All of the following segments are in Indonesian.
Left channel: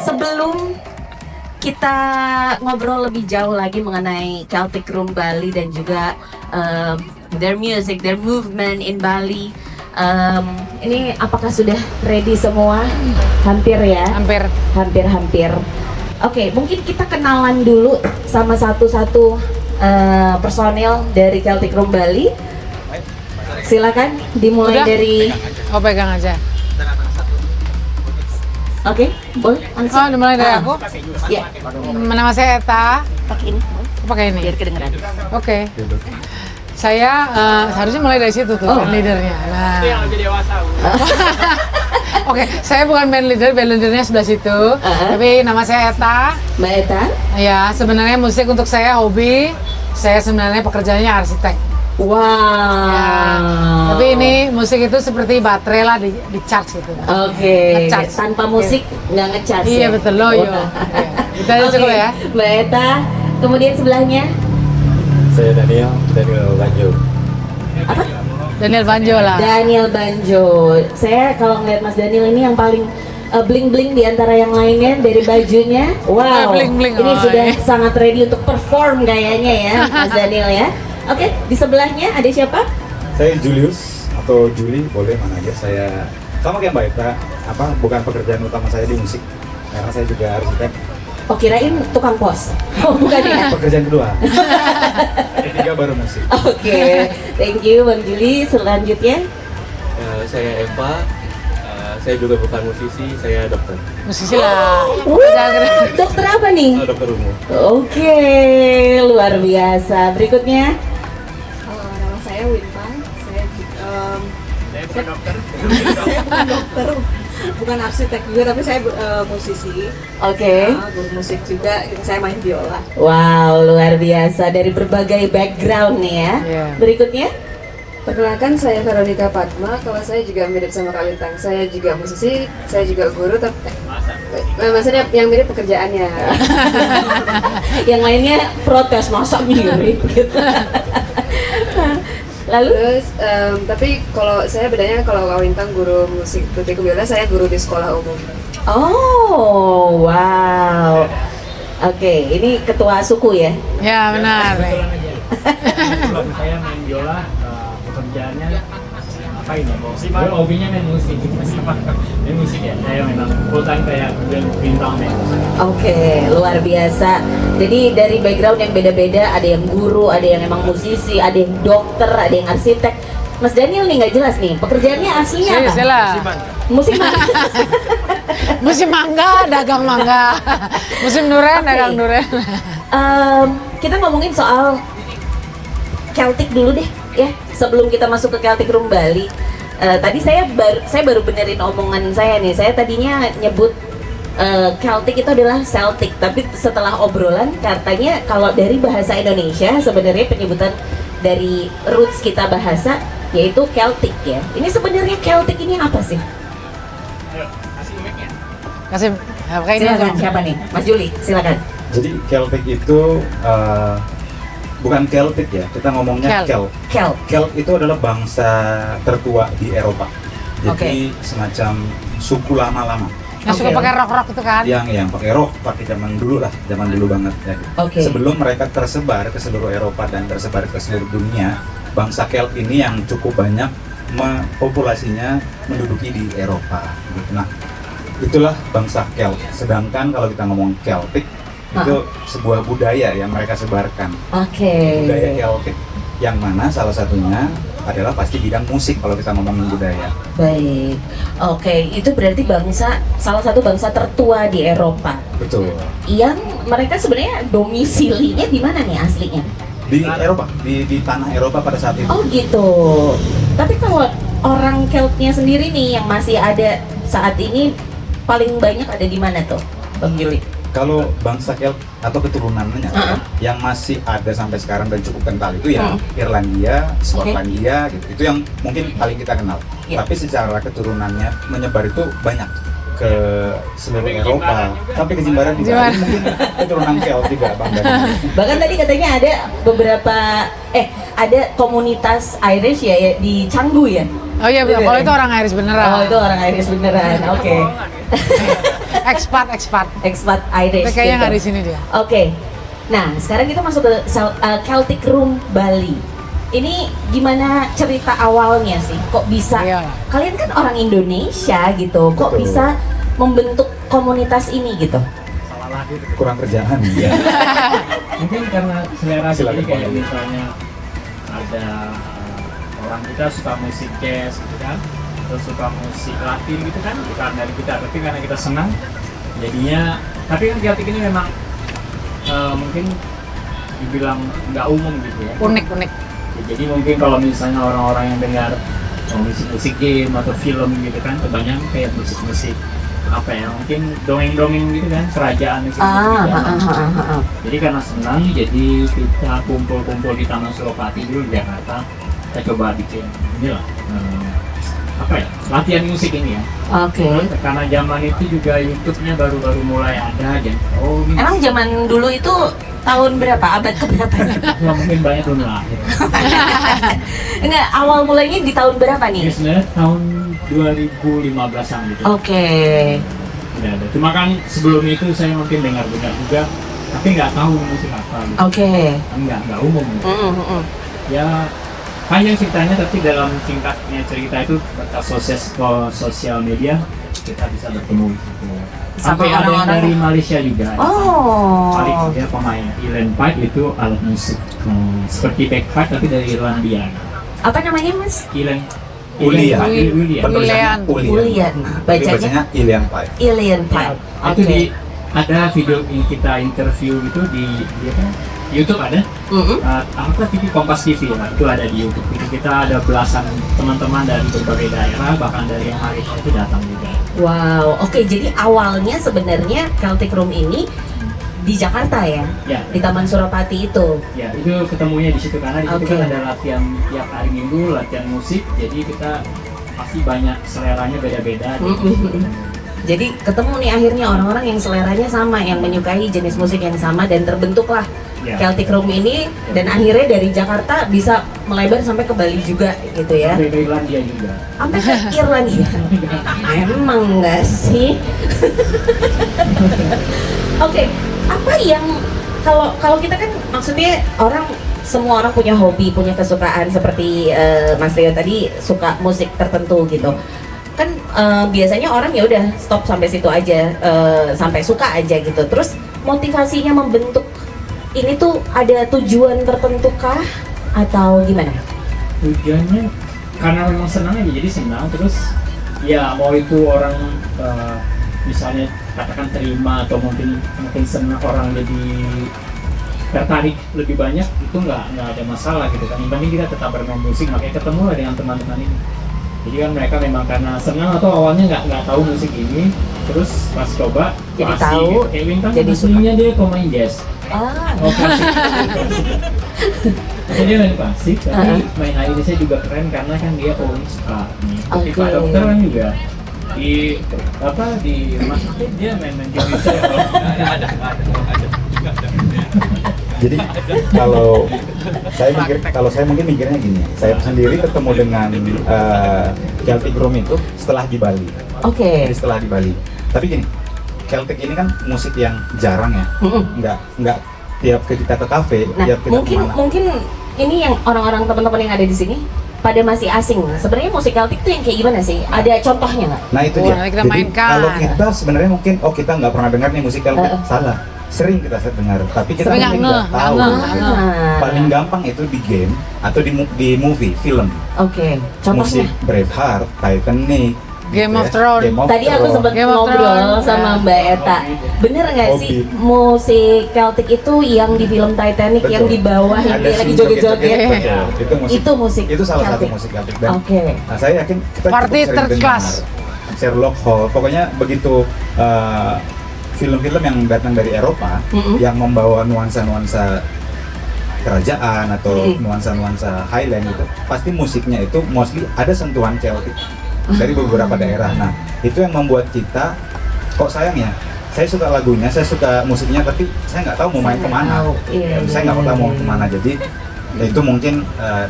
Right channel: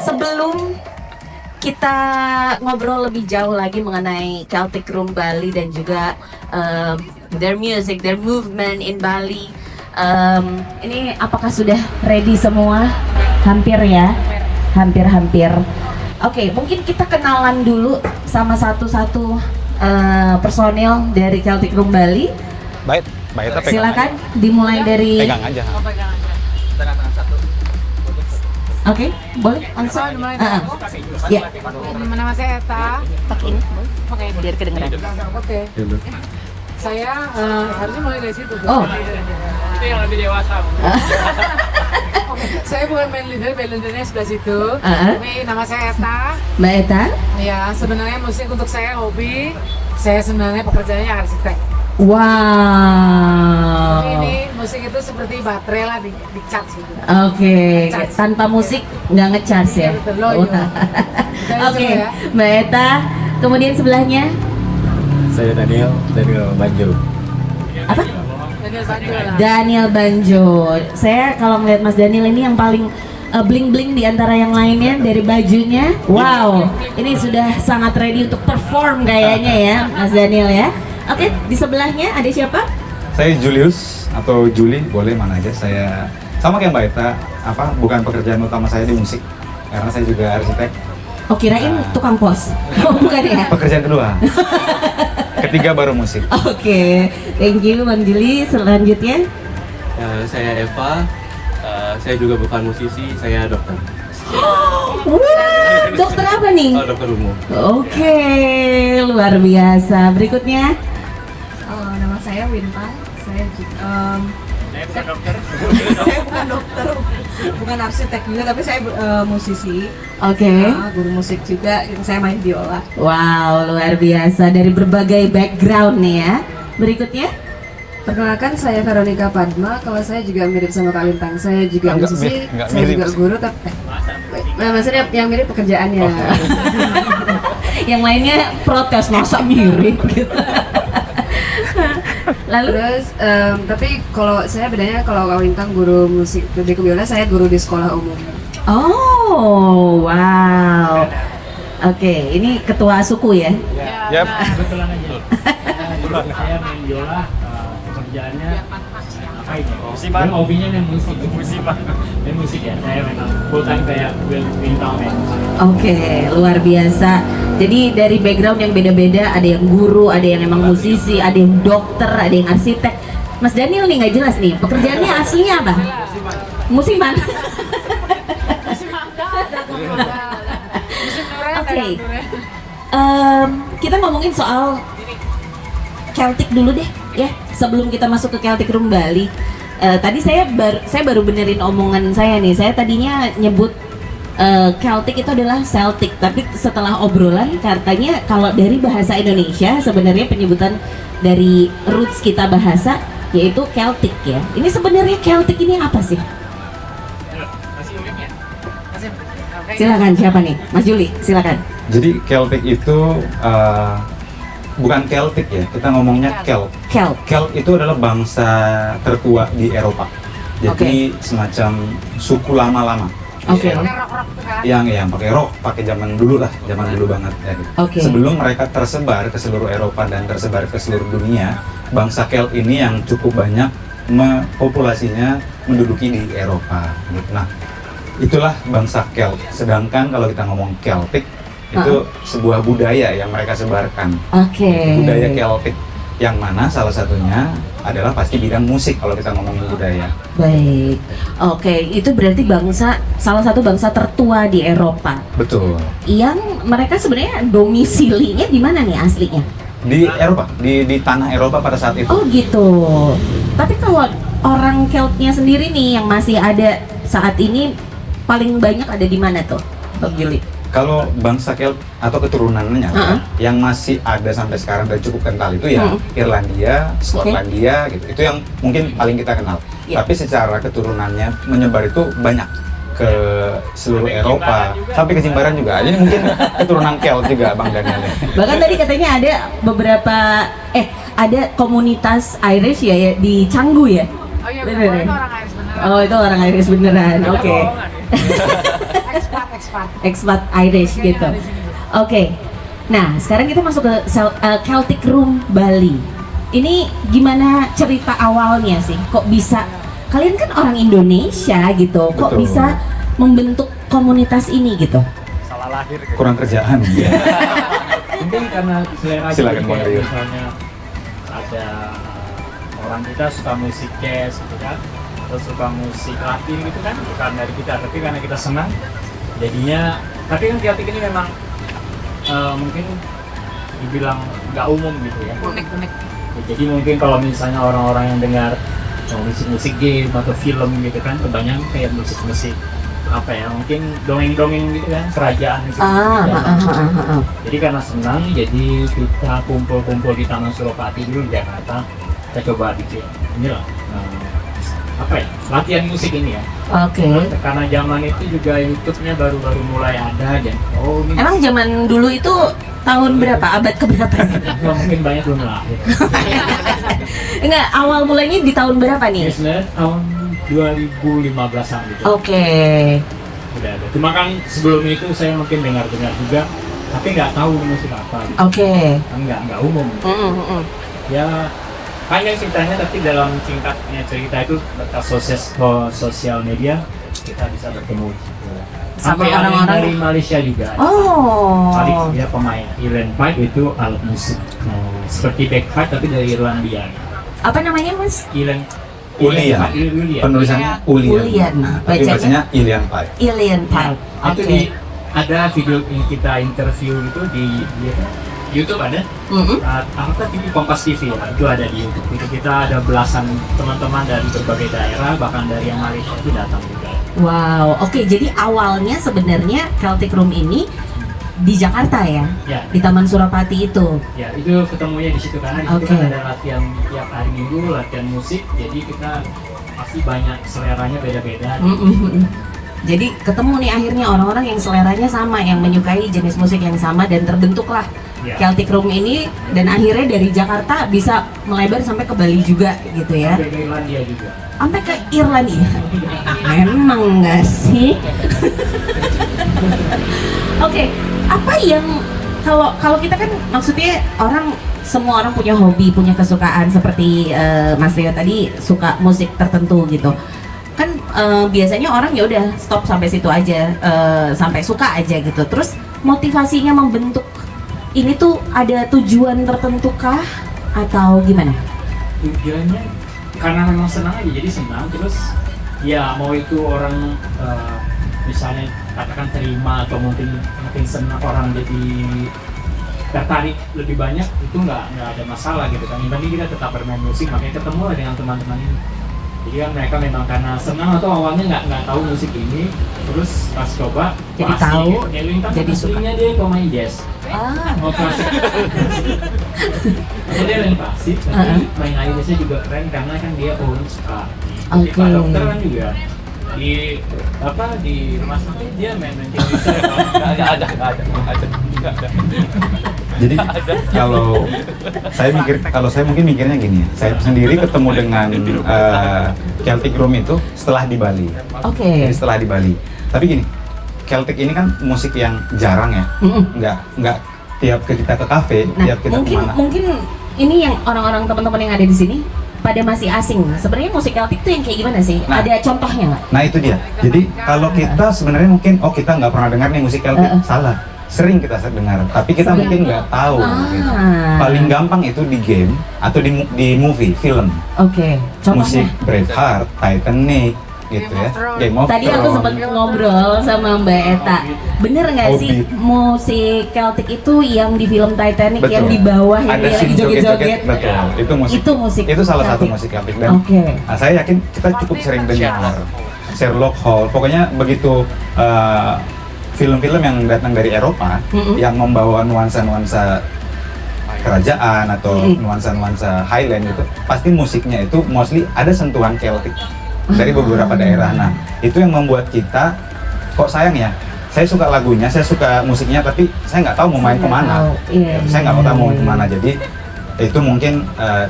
sebelum kita ngobrol lebih jauh lagi mengenai Celtic Room Bali dan juga their music, their movement in Bali. Ini apakah sudah ready semua? Hampir ya? Hampir. Oke, mungkin kita kenalan dulu sama satu-satu personel dari Celtic Room Bali. Baik. Silakan dimulai Udah? dari. Pegang aja. Oke, boleh langsung. Dimulai dari aku. Ya, Nama saya Eta. pakai ini, Pakai ini. biar kedengeran. Oke. Saya harusnya mulai dari situ tuh band leadernya. Yang lebih dewasa. Oke, saya bukan band leadernya sebelah situ. Tapi nama saya Eta. Mbak Eta. Ya, sebenarnya musik untuk saya hobi. Saya sebenarnya pekerjaannya arsitek. Wow. Tapi ini musik itu seperti baterai lah di charge gitu. Oke, Ngecharge. tanpa musik nggak ngecharge Iya ya? betul loh. Kita Oke, coba ya. Mbak Eta, kemudian sebelahnya Saya Daniel Banjo. apa? Daniel Banjo lah. Daniel Banjo. Saya kalau ngeliat Mas Daniel ini yang paling bling-bling di antara yang lainnya dari bajunya. Wow, Bling-bling. ini sudah sangat ready untuk perform kayaknya ya, Mas Daniel ya. Oke, di sebelahnya ada siapa? Saya Julius atau Juli, boleh mana aja. Saya sama kayak Mbak Eta, bukan pekerjaan utama saya di musik, karena saya juga arsitek. Oh, kirain tukang pos. Oh, bukan ya? Pekerjaan kedua. Ketiga baru musik. Oke, thank you Bang Juli. Selanjutnya Saya Eva, saya juga bukan musisi, saya dokter. Musisi lah. dokter apa nih? Dokter umum. Oke, luar biasa. Berikutnya Nama saya Wintan. Saya bukan dokter, bukan arsitek juga, tapi saya musisi. oke. Guru musik juga. Saya main biola. Wow, luar biasa dari berbagai background nih ya. Iya. Berikutnya Perkenalkan, saya Veronica Padma. Kalau saya juga mirip sama Kak Lintang. Saya juga musisi, saya juga guru, tapi maksudnya yang mirip pekerjaannya. yang lainnya protes masa mirip gitu. Lalu Terus, tapi kalau saya bedanya, kalau Kak Lintang guru musik di biola, saya guru di sekolah umum. oh, wow. Oke, ini ketua suku ya. Ya benar. Saya main biola, pekerjaannya apa ini? Gue hobinya main musik. Main musik ya. Saya memang full time kayak bintang main musik. Oke, luar biasa. Jadi dari background yang beda-beda, ada yang guru, ada yang emang musisi, ada yang dokter, ada yang arsitek. Mas Daniel nih nggak jelas nih, pekerjaannya aslinya apa? Musiman. Musim mangga, dagang mangga. Musim durian, Oke. dagang durian. Kita ngomongin soal Celtic dulu deh ya, sebelum kita masuk ke Celtic Room Bali. Tadi saya baru benerin omongan saya nih. Saya tadinya nyebut Celtic itu adalah Celtic, tapi setelah obrolan katanya kalau dari bahasa Indonesia sebenarnya penyebutan dari roots kita bahasa yaitu Celtic ya. Ini sebenarnya Celtic ini apa sih? Kasih. Silakan, siapa nih? Mas Juli, silakan. Jadi Celtic itu bukan Celtic ya, kita ngomongnya Celt. Celt itu adalah bangsa tertua di Eropa. Jadi semacam suku lama-lama. Suka pakai rok-rok itu kan? Yang pakai rok, pakai zaman dulu lah, zaman dulu banget ya. Oke. Sebelum mereka tersebar ke seluruh Eropa dan tersebar ke seluruh dunia, bangsa Celt ini yang cukup banyak populasinya menduduki di Eropa. Nah, itulah bangsa Celt. Sedangkan kalau kita ngomong Celtic itu sebuah budaya yang mereka sebarkan. Oke. Budaya Celtic yang mana salah satunya adalah pasti bidang musik kalau kita ngomongin budaya. Baik, oke, itu berarti salah satu bangsa tertua di Eropa. Betul. Yang mereka sebenarnya domisilinya di mana nih aslinya? Di Eropa, di tanah Eropa pada saat itu. Oh gitu. Tapi kalau orang Celtnya sendiri nih yang masih ada saat ini paling banyak ada di mana tuh, Bang Juli? Kalau bangsa Celt atau keturunannya yang masih ada sampai sekarang dan cukup kental itu ya Irlandia, Skotlandia gitu. Itu yang mungkin paling kita kenal. Tapi secara keturunannya menyebar itu banyak ke seluruh Eropa, sampai ke Jimbaran juga. Ini mungkin keturunan Celt juga Bang Daniel. Bahkan tadi katanya ada beberapa ada komunitas Irish ya di Canggu ya. Oh iya, Bener, kalau ya? itu orang Iris beneran. Oh itu orang Irish beneran, oke. Expat. Expat Irish Kayaknya gitu. nggak di sini dia. Oke. Nah, sekarang kita masuk ke Celtic Room Bali. Ini gimana cerita awalnya sih? Kok bisa? Iya. Kalian kan orang Indonesia gitu. Kok Betul. bisa membentuk komunitas ini gitu? Salah lahir. Kurang kerjaan ya. Mungkin karena selera Silakan, jadi kayak Pak. misalnya ada orang kita suka musik jazz gitu kan, terus suka musik Latin gitu kan, bukan dari kita, tapi karena kita senang jadinya. Tapi kan Celtic ini memang mungkin dibilang nggak umum gitu ya. Unik. Jadi mungkin kalau misalnya orang-orang yang dengar musik-musik game atau film gitu kan, kebanyakan kayak musik-musik apa ya, mungkin dongeng-dongeng gitu kan, kerajaan gitu. Jadi karena senang, jadi kita kumpul-kumpul di Taman Suropati dulu di Jakarta. Kita coba bikin inilah apa ya, latihan musik ini ya. Oke. Karena zaman itu juga YouTube-nya baru-baru mulai ada dan ini Emang zaman dulu itu tahun berapa? Abad keberapa? ya, mungkin banyak belum lahir. Enggak, awal mulainya di tahun berapa Ini nih? sebenarnya tahun 2015-an gitu. Oke. Udah ada. Cuma kan sebelumnya itu saya mungkin dengar-dengar juga, tapi nggak tahu musik apa gitu. Oke. Nggak umum. Ya panjang ceritanya, tapi dalam singkatnya cerita itu berkat sosial media kita bisa bertemu gitu. Sama Sampai ada yang orang-orang. dari Malaysia juga. Oh. Alex dia pemain Irland Pipe, itu alat musik seperti bagpipe tapi dari Irlandia. Apa namanya, Mas? Irland Ulian. Ulian. Penulisannya Ulian. Ulian. Tapi Bacanya bacanya Ilian Pai. Alien Pipe. Itu di ada video ini kita interview itu di apa? YouTube ada. Apa TV Kompas TV lah, itu ada di YouTube. Itu kita ada belasan teman-teman dari berbagai daerah, bahkan dari yang Malaysia itu datang juga. Wow, oke. Jadi awalnya sebenarnya Celtic Room ini di Jakarta ya, Ya, di Taman Suropati itu. ya itu ketemunya di situ karena di situ Oke. kan ada latihan tiap hari Minggu, latihan musik. Jadi kita pasti banyak seleranya beda-beda. Jadi ketemu nih akhirnya orang-orang yang seleranya sama, yang menyukai jenis musik yang sama, dan terbentuklah Ya. Celtic Room ini, dan akhirnya dari Jakarta bisa melebar sampai ke Bali juga gitu ya. Tapi ke Irlandia juga. Sampai ke Irlandia. Emang enggak sih? Oke, apa yang kalau kita kan maksudnya semua orang punya hobi, punya kesukaan seperti Mas Rio tadi suka musik tertentu gitu. Kan biasanya orang ya udah stop sampai situ aja, sampai suka aja gitu. Terus motivasinya membentuk ini tuh ada tujuan tertentu kah atau gimana? Tujuannya karena memang senang aja, jadi senang. Terus ya mau itu orang misalnya katakan terima atau mungkin senang, orang jadi tertarik lebih banyak, itu nggak ada masalah gitu kan. Yang penting kita tetap bermain musik, makanya ketemu lah dengan teman-teman ini. Jadi kan mereka memang karena senang atau awalnya nggak tahu musik ini, terus pas coba Jadi asik, tahu, gitu. Kayak Lintang jadi suka. aslinya dia pemain jazz. Ah, Oh klasik. Atau dia main klasik, tapi main Irisnya juga keren karena kan dia suka nih. Seperti Oke. Pak Dokter kan juga di rumah sakit dia main gitar. Ada. Jadi kalau saya mungkin mikirnya gini, saya sendiri ketemu dengan Celtic Room itu setelah di Bali. oke. Jadi setelah di Bali. Tapi gini, Celtic ini kan musik yang jarang ya, nggak tiap kita ke kafe, Nah, tiap kita kemana. mungkin ini yang orang-orang teman-teman yang ada di sini pada masih asing. Sebenarnya musik Celtic itu yang kayak gimana sih? Ada contohnya nggak? Nah itu dia. Kita Jadi mainkan. kalau kita sebenarnya mungkin kita nggak pernah dengar nih musik Celtic, salah. Sering kita dengar, tapi kita Tapi mungkin nggak tahu. Gitu. Paling gampang itu di game atau di movie, film. Oke, Musik contohnya. Braveheart, Titanic, Game gitu of ya. Thrones. Game of Tadi aku Thrones. sempat Game of ngobrol Thrones. sama Mbak Eta. Bener nggak sih Hobbit. musik Celtic itu yang di film Titanic Betul. yang di bawah yang Ada dia lagi scene joget-joget? joget-joget, betul. Itu musik. Itu musik Itu salah satu Celtic. musik Celtic dan Oke. nah, saya yakin kita cukup Party sering Third dengar Class. Sherlock Holmes. Pokoknya begitu film-film yang datang dari Eropa yang membawa nuansa-nuansa kerajaan atau nuansa-nuansa Highland gitu, pasti musiknya itu mostly ada sentuhan Celtic dari beberapa daerah. Nah, itu yang membuat kita kok sayang ya. Saya suka lagunya, saya suka musiknya, tapi saya nggak tahu mau main Saya nggak kemana. tahu. Iya, Saya nggak iya, tahu mau iya. kemana. Jadi itu mungkin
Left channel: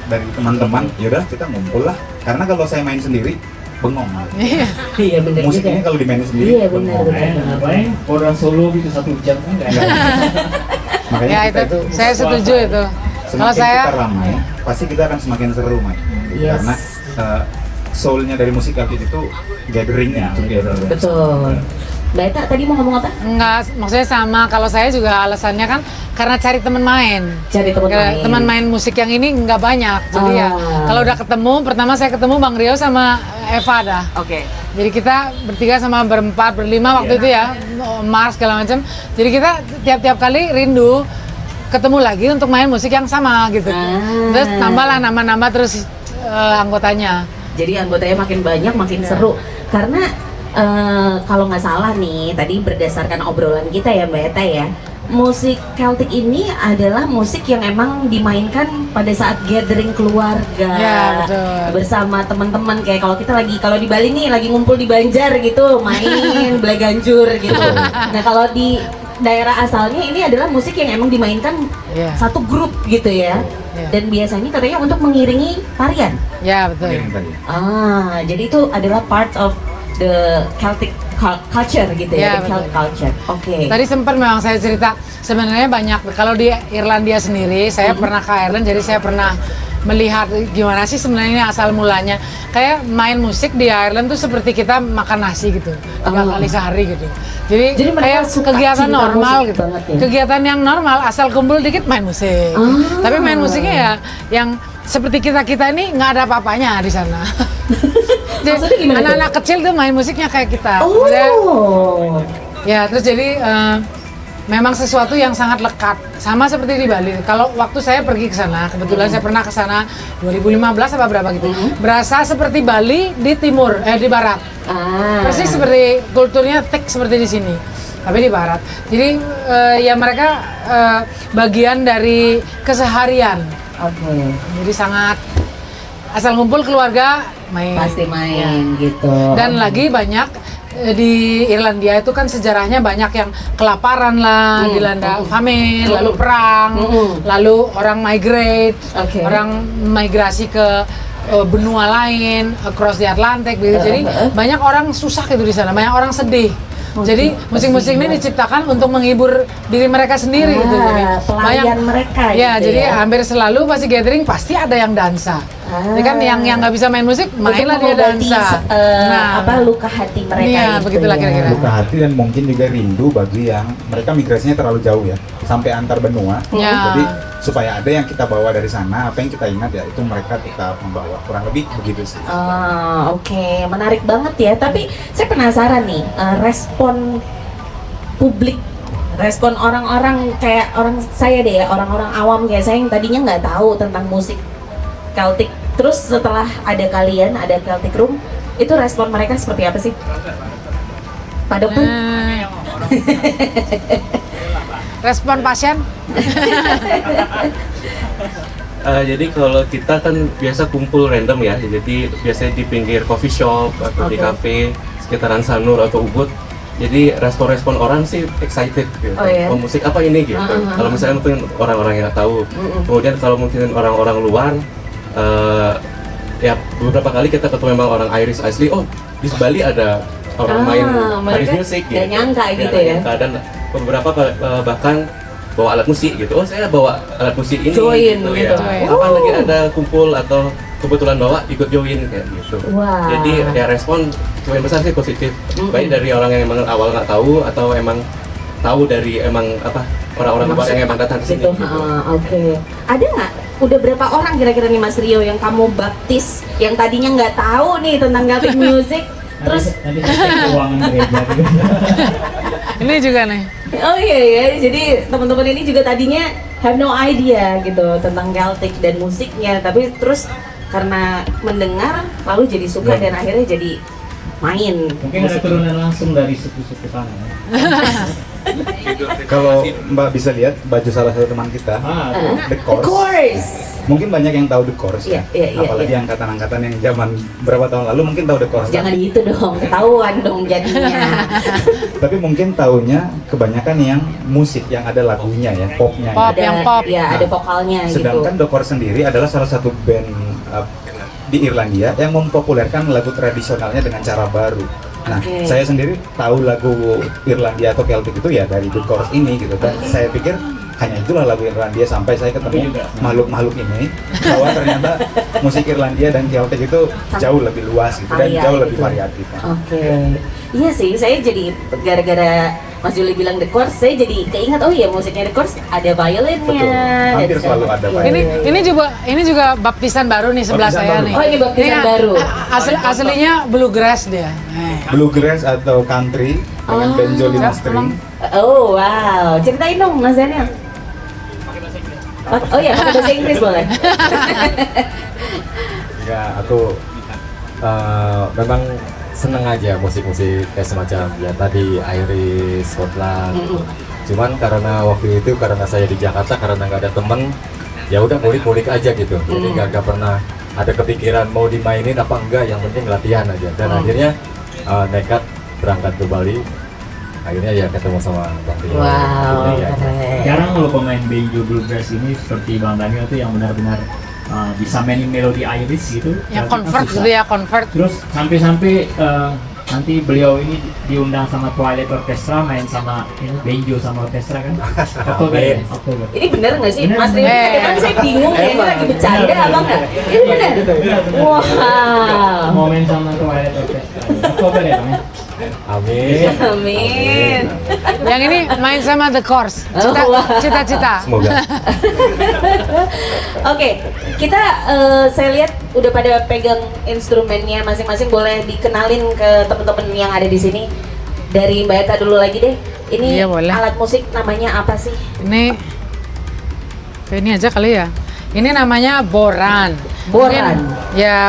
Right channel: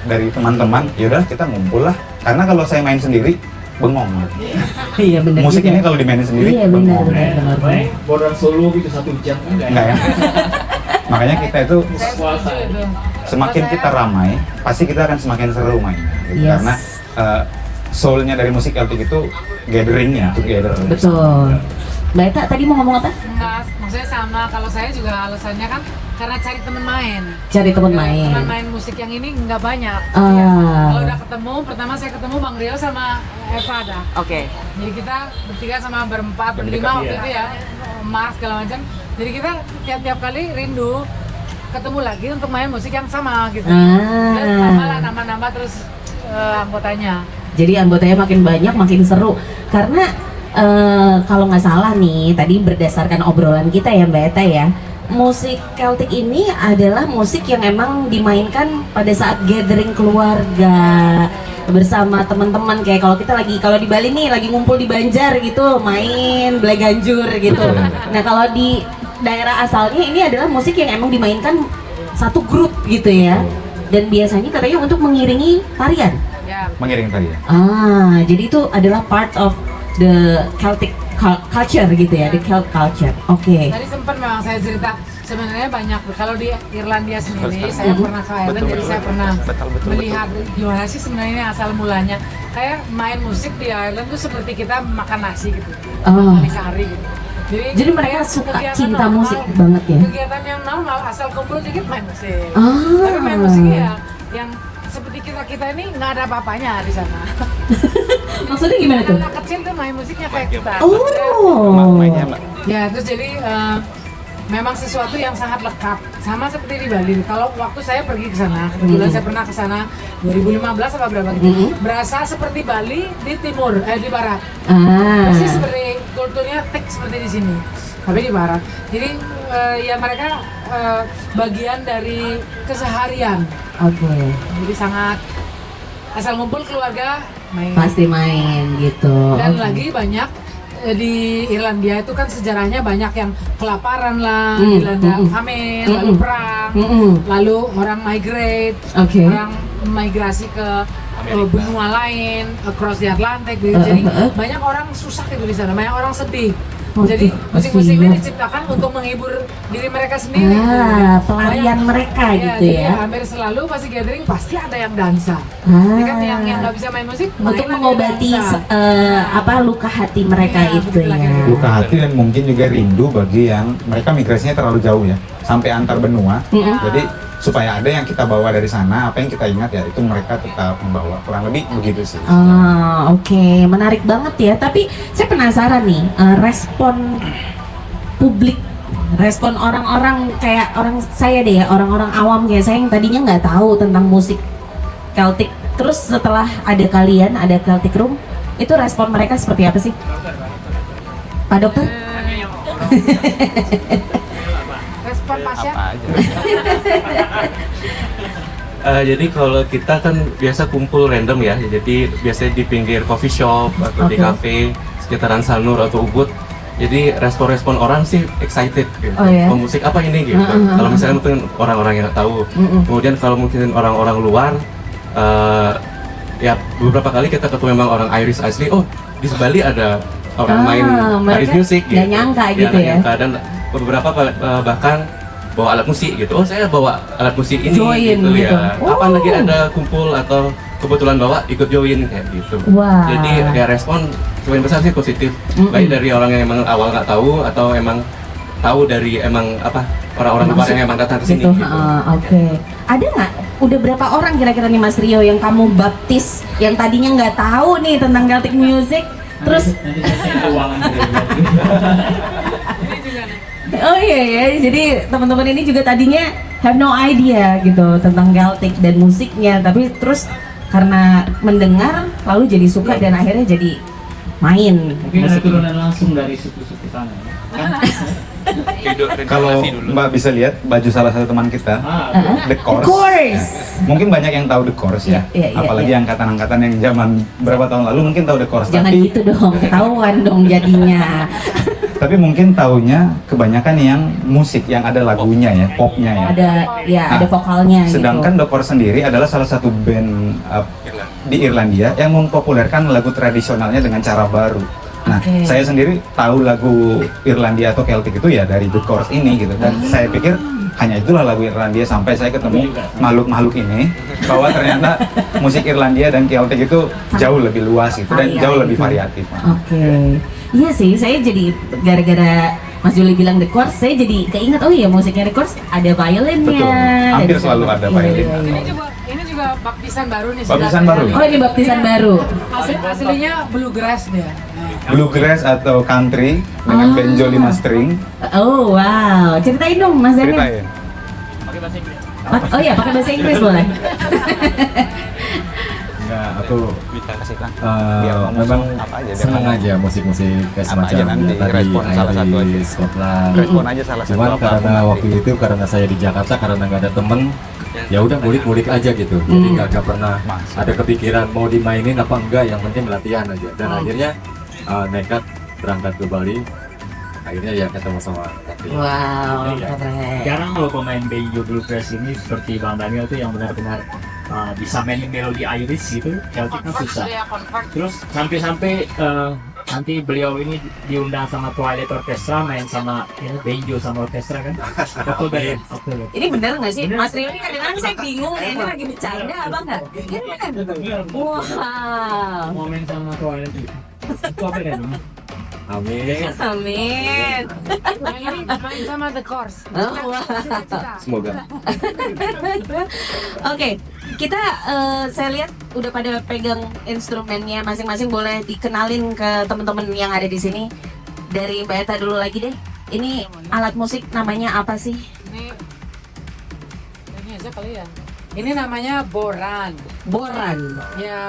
dari teman-teman, yaudah kita ngumpul lah Karena kalau saya main sendiri, bengong. Iya benar Musik juga. ini kalau dimainin sendiri, Iya benar bengong. benar. Main orang solo gitu 1 jam kan enggak. Makanya Ya, kita itu saya setuju itu. Kalau semakin saya kita ramai, pasti kita akan semakin seru main. Yes. Karena soulnya dari musik Celtic itu gatheringnya, together. Betul. Mbak Eta tadi mau ngomong apa? enggak, maksudnya sama. Kalau saya juga alasannya kan karena cari teman main. Cari teman Karena main. teman main musik yang ini nggak banyak. Jadi ya kalau udah ketemu, pertama saya ketemu Bang Rio sama Eva dah. Oke. Jadi kita bertiga sama berempat, berlima waktu itu ya, Mars segala macam. Jadi kita tiap-tiap kali rindu ketemu lagi untuk main musik yang sama gitu. Terus tambahlah nama-nama terus anggotanya. Jadi anggotanya makin banyak, makin seru. Karena kalau nggak salah nih, tadi berdasarkan obrolan kita ya Mbak Eta ya, musik Celtic ini adalah musik yang emang dimainkan pada saat gathering keluarga Ya, betul. bersama teman-teman. Kayak kalau di Bali nih lagi ngumpul di Banjar gitu, main Bleganjur gitu. Nah kalau di daerah asalnya ini adalah musik yang emang dimainkan Iya. satu grup gitu ya. Dan biasanya katanya untuk mengiringi tarian. Ya betul. Mengiring tadi. Jadi itu adalah part of the Celtic culture gitu ya, Ya, the Celtic culture. Oke. Tadi sempat memang saya cerita sebenarnya banyak. Kalau di Irlandia sendiri, saya pernah ke Ireland, jadi saya pernah melihat gimana sih sebenarnya asal mulanya. Kayak main musik di Ireland tuh seperti kita makan nasi gitu, 3 kali sehari gitu. Jadi mereka kayak suka kegiatan cinta normal musik gitu. banget ya? Kegiatan yang normal, asal kumpul dikit main musik. Tapi main musiknya ya yang seperti kita ini nggak ada apa-apanya di sana. Jadi Maksudnya gimana tuh? anak-anak kecil tuh main musiknya kayak kita. Oh. Ya, terus jadi memang sesuatu yang sangat lekat, sama seperti di Bali. Kalau waktu saya pergi ke sana, kebetulan saya pernah ke sana 2015 apa berapa gitu. Berasa seperti Bali di timur, di barat. Persis seperti kulturnya tek seperti di sini, tapi di barat. Jadi ya mereka bagian dari keseharian. Oke. Jadi sangat asal ngumpul keluarga main. Pasti main gitu. Dan lagi banyak di Irlandia itu kan sejarahnya banyak yang kelaparan lah, dilanda famine, lalu perang, lalu orang migrate, Oke. orang migrasi ke benua lain, across the Atlantic gitu. Jadi banyak orang susah gitu di sana, banyak orang sedih. Jadi musik-musik ini diciptakan untuk menghibur diri mereka sendiri gitu. Pelarian mereka Ya, gitu jadi ya. hampir selalu pasti gathering pasti ada yang dansa. Jadi kan yang nggak bisa main musik, Untuk mainlah dia mengobati dansa. luka hati mereka Iya, itu begitulah ya. kira-kira. Luka hati dan mungkin juga rindu bagi yang mereka migrasinya terlalu jauh ya, sampai antar benua. Ya. Jadi supaya ada yang kita bawa dari sana, apa yang kita ingat ya itu mereka tetap membawa, kurang lebih begitu sih. Oke, menarik banget ya. Tapi saya penasaran nih, respon publik, respon orang-orang kayak orang saya deh ya, orang-orang awam kayak saya yang tadinya nggak tahu tentang musik Celtic. Terus setelah ada kalian, ada Celtic Room, itu respon mereka seperti apa sih? Pak Dokter? Respon pasien? Jadi kalau kita kan biasa kumpul random ya, jadi biasanya di pinggir coffee shop atau di Oke. cafe sekitaran Sanur atau Ubud. Jadi respon-respon orang sih excited gitu. Oh, ya? Musik apa ini gitu. Kalau misalnya mungkin orang-orang yang nggak tahu. Kemudian kalau mungkin orang-orang luar, ya beberapa kali kita ketemu memang orang Irish asli. Oh, di Bali ada orang main Irish mereka music. nggak nyangka gitu ya. Dan beberapa bahkan bawa alat musik gitu. Oh, saya bawa alat musik ini. Join gitu. Ya. Kapan lagi ada kumpul atau kebetulan bawa ikut join kayak gitu. Wah. Jadi ya respon sebagian besar sih positif. Baik dari orang yang emang awal nggak tahu atau emang tahu dari emang apa orang-orang luar yang emang datang ke sini. Gitu. Gitu. Oke. Ada nggak? Udah berapa orang kira-kira nih Mas Rio yang kamu baptis, yang tadinya nggak tahu nih tentang Celtic music, terus nanti uang gereja. Ini juga nih. oh iya ya, jadi teman-teman ini juga tadinya have no idea gitu tentang Celtic dan musiknya, tapi terus karena mendengar lalu jadi suka dan akhirnya jadi main Mungkin ada musik. turunan langsung dari suku-suku sana. Kalau Mbak bisa lihat baju salah satu teman kita, The Of Course. course. Mungkin banyak yang tahu The Course ya. Iya, iya, Apalagi angkatan-angkatan yang zaman berapa tahun lalu mungkin tahu The Course. Jangan Tapi, gitu dong, ketahuan dong jadinya. tapi mungkin taunya kebanyakan yang musik yang ada lagunya ya, popnya ya. Pop. Ada Yang pop. ya, ada vokalnya Sedangkan gitu. The Course sendiri adalah salah satu band di Irlandia yang mempopulerkan lagu tradisionalnya dengan cara baru. Nah, Oke. saya sendiri tahu lagu Irlandia atau Celtic itu ya dari The Chorus ini gitu. Dan saya pikir hanya itulah lagu Irlandia sampai saya ketemu makhluk-makhluk ini bahwa ternyata musik Irlandia dan Celtic itu jauh lebih luas gitu dan jauh lebih variatif. Oke. Iya sih, saya jadi gara-gara Mas Juli bilang The Chorus, saya jadi keinget, oh iya musiknya The Chorus ada violinnya. Betul. Hampir dan- selalu ada Iya, violin. iya. Ini juga baptisan baru nih sebelah Baptisan saya baru. nih. Oh, ini baptisan Ini baru. Aslinya bluegrass dia. Bluegrass atau country dengan banjo 5 string. Oh wow, ceritain dong Mas Daniel. Ceritain. Oh iya, pakai bahasa Inggris boleh. Ya, aku memang seneng aja musik-musik kayak semacam ya tadi Iris, Scotland. Cuman karena waktu itu karena saya di Jakarta karena nggak ada temen, ya udah ngulik-ngulik aja gitu. Jadi nggak pernah ada kepikiran mau dimainin apa enggak, yang penting latihan aja. Dan akhirnya nekat berangkat ke Bali. Akhirnya ya ketemu sama Kak Rio. Wow, Jadi ya, keren. Jarang loh pemain banjo bluegrass ini seperti Bang Daniel tuh yang benar-benar bisa mainin melodi Irish gitu. Yang Celtic kan convert susah. dia convert. Terus sampai-sampai nanti beliau ini diundang sama Twilight Orchestra main sama ini banjo sama orkestra kan? Oktober ya? Oktober. Ini bener nggak sih? Bener, Mas Rio bener. kadang-kadang saya bingung ya, ini lagi bercanda apa enggak? Ini bener? Wow. Mau main sama Twilight Orchestra. Oktober ya Bang? ya? amin. Amin. Yang ini main sama The Chorus. Cita-cita. Semoga. Oke, kita saya lihat udah pada pegang instrumennya masing-masing, boleh dikenalin ke teman-teman yang ada di sini. Dari Mbak Eta dulu lagi deh. Ini Iya, boleh. alat musik namanya apa sih? Ini aja kali ya. Ini namanya boran. Boran.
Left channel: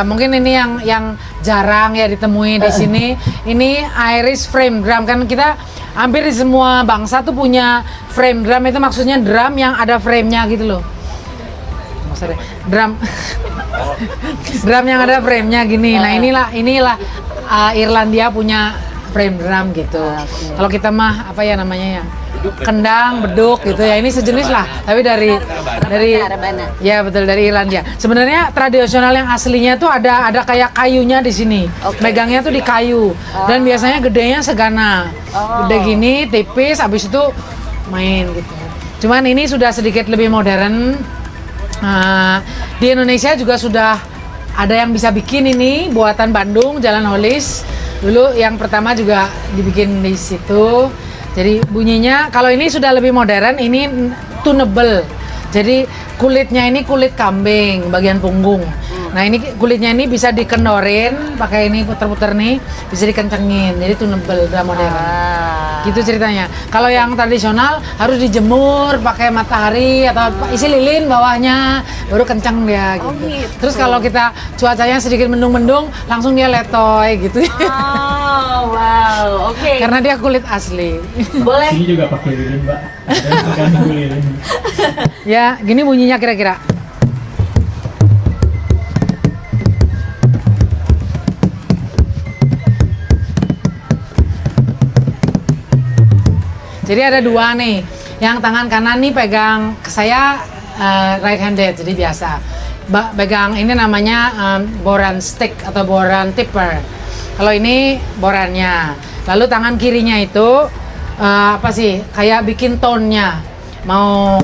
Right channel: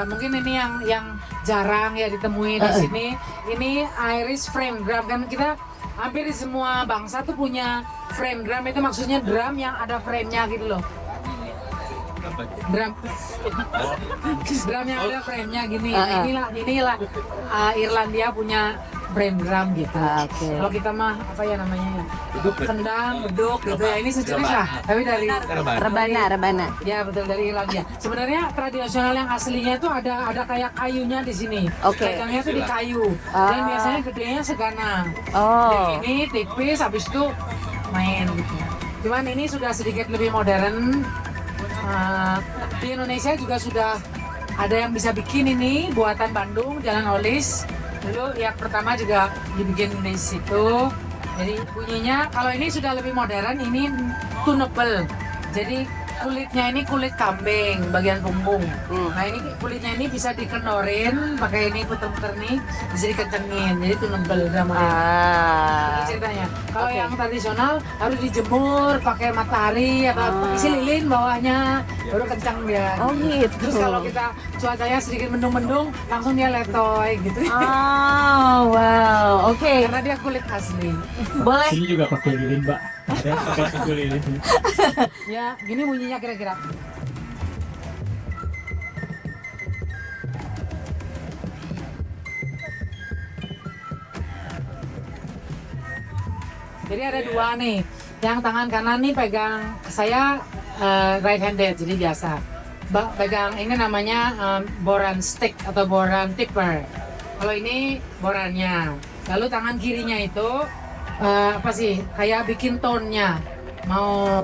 Mungkin ini yang jarang ya ditemui di sini. Ini Irish frame drum, kan kita hampir di semua bangsa tuh punya frame drum, itu maksudnya drum yang ada frame-nya gitu loh. Drum drum yang ada frame-nya gini. Nah, inilah Irlandia punya frame drum gitu. Kalau kita mah apa ya namanya ya? Kendang, beduk gitu ya. Ini sejenis lah, tapi dari Rebana. ya betul dari Irlandia. Sebenarnya tradisional yang aslinya tuh ada kayak kayunya di sini. Oke. Megangnya tuh di kayu. Dan biasanya gedenya segana. Gede gini, tipis, habis itu main gitu. Cuman ini sudah sedikit lebih modern. Di Indonesia juga sudah ada yang bisa bikin ini buatan Bandung, Jalan Holis. Dulu yang pertama juga dibikin di situ. Jadi bunyinya kalau ini sudah lebih modern, ini tunable. Jadi kulitnya ini kulit kambing bagian punggung. Nah, ini kulitnya ini bisa dikendorin, pakai ini puter-puter nih, bisa dikencengin. Jadi tunable udah modern. Gitu ceritanya. Kalau yang tradisional harus dijemur pakai matahari atau isi lilin bawahnya, baru kencang dia. Oh, gitu. Terus kalau kita cuacanya sedikit mendung-mendung, langsung dia letoy gitu. Oh, wow. Oke. Karena dia kulit asli. Boleh. Sini juga pakai lilin Mbak. Ada yang suka nunggu lilin. Ya, gini bunyinya kira-kira. Jadi ada dua nih. Yang tangan kanan nih pegang saya right handed, jadi biasa. Pegang ini namanya boran stick atau boran tipper. Kalau ini borannya. Lalu tangan kirinya itu apa sih? Kayak bikin tone-nya. Mau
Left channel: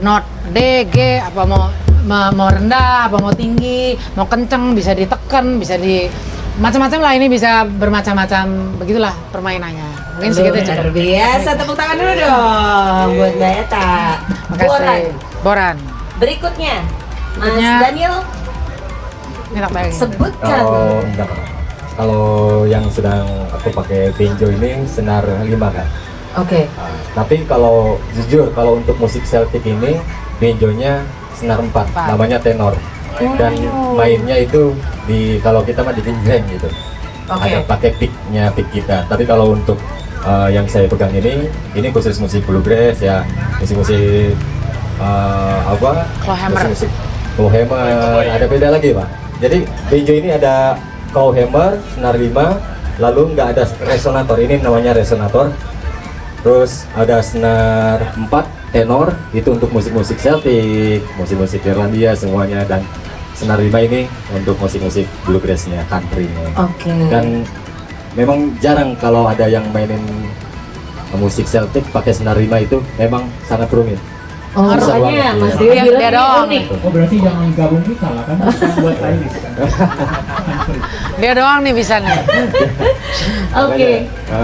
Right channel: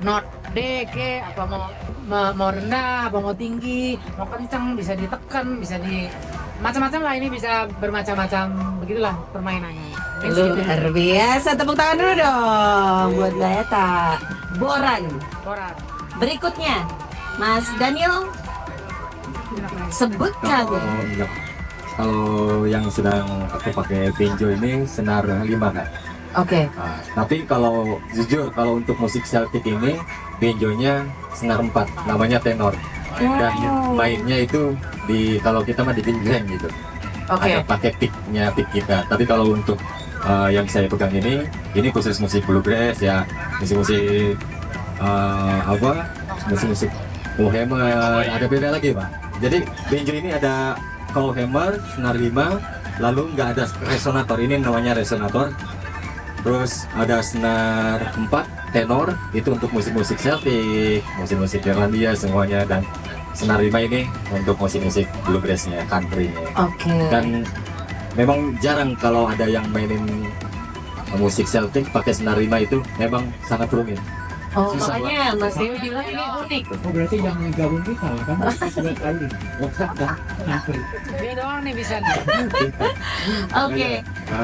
not D, G, apa mau rendah, apa mau tinggi, mau kenceng, bisa ditekan, bisa di macam-macam lah, ini bisa bermacam-macam, begitulah permainannya. Mungkin segitu aja. Luar biasa, tepuk tangan dulu dong buat Mbak Eta. Makasih. Boran. Boran. Berikutnya, Mas Berikutnya. Daniel, Ini tak bayangin. sebutkan. Enggak. Kalau yang sedang aku pakai banjo ini senar 5 kan. Oke. Tapi kalau jujur kalau untuk musik Celtic ini banjonya senar 4, namanya tenor. Dan mainnya itu di kalau kita mah di pinggireng gitu. Oke. Ada pakai picknya, pick kita. Tapi kalau untuk yang saya pegang ini khusus musik bluegrass ya, musik-musik apa? Clawhammer. Musik-musik clawhammer. Ada beda lagi Pak. Jadi banjo ini ada clawhammer, senar 5, lalu nggak ada resonator. Ini namanya resonator. Terus ada senar 4 tenor, itu untuk musik-musik Celtic, musik-musik Irlandia semuanya, dan senar lima ini untuk musik-musik bluegrass-nya, country-nya. Oke. Dan memang jarang kalau ada yang mainin musik Celtic pakai senar lima itu memang sangat rumit. Oh, Susah makanya banget, Mas iya. Rio Dia bilang ini doang. unik. Oh berarti jangan gabung kita lah kan buat Iris. Dia doang nih bisa nih. Oke.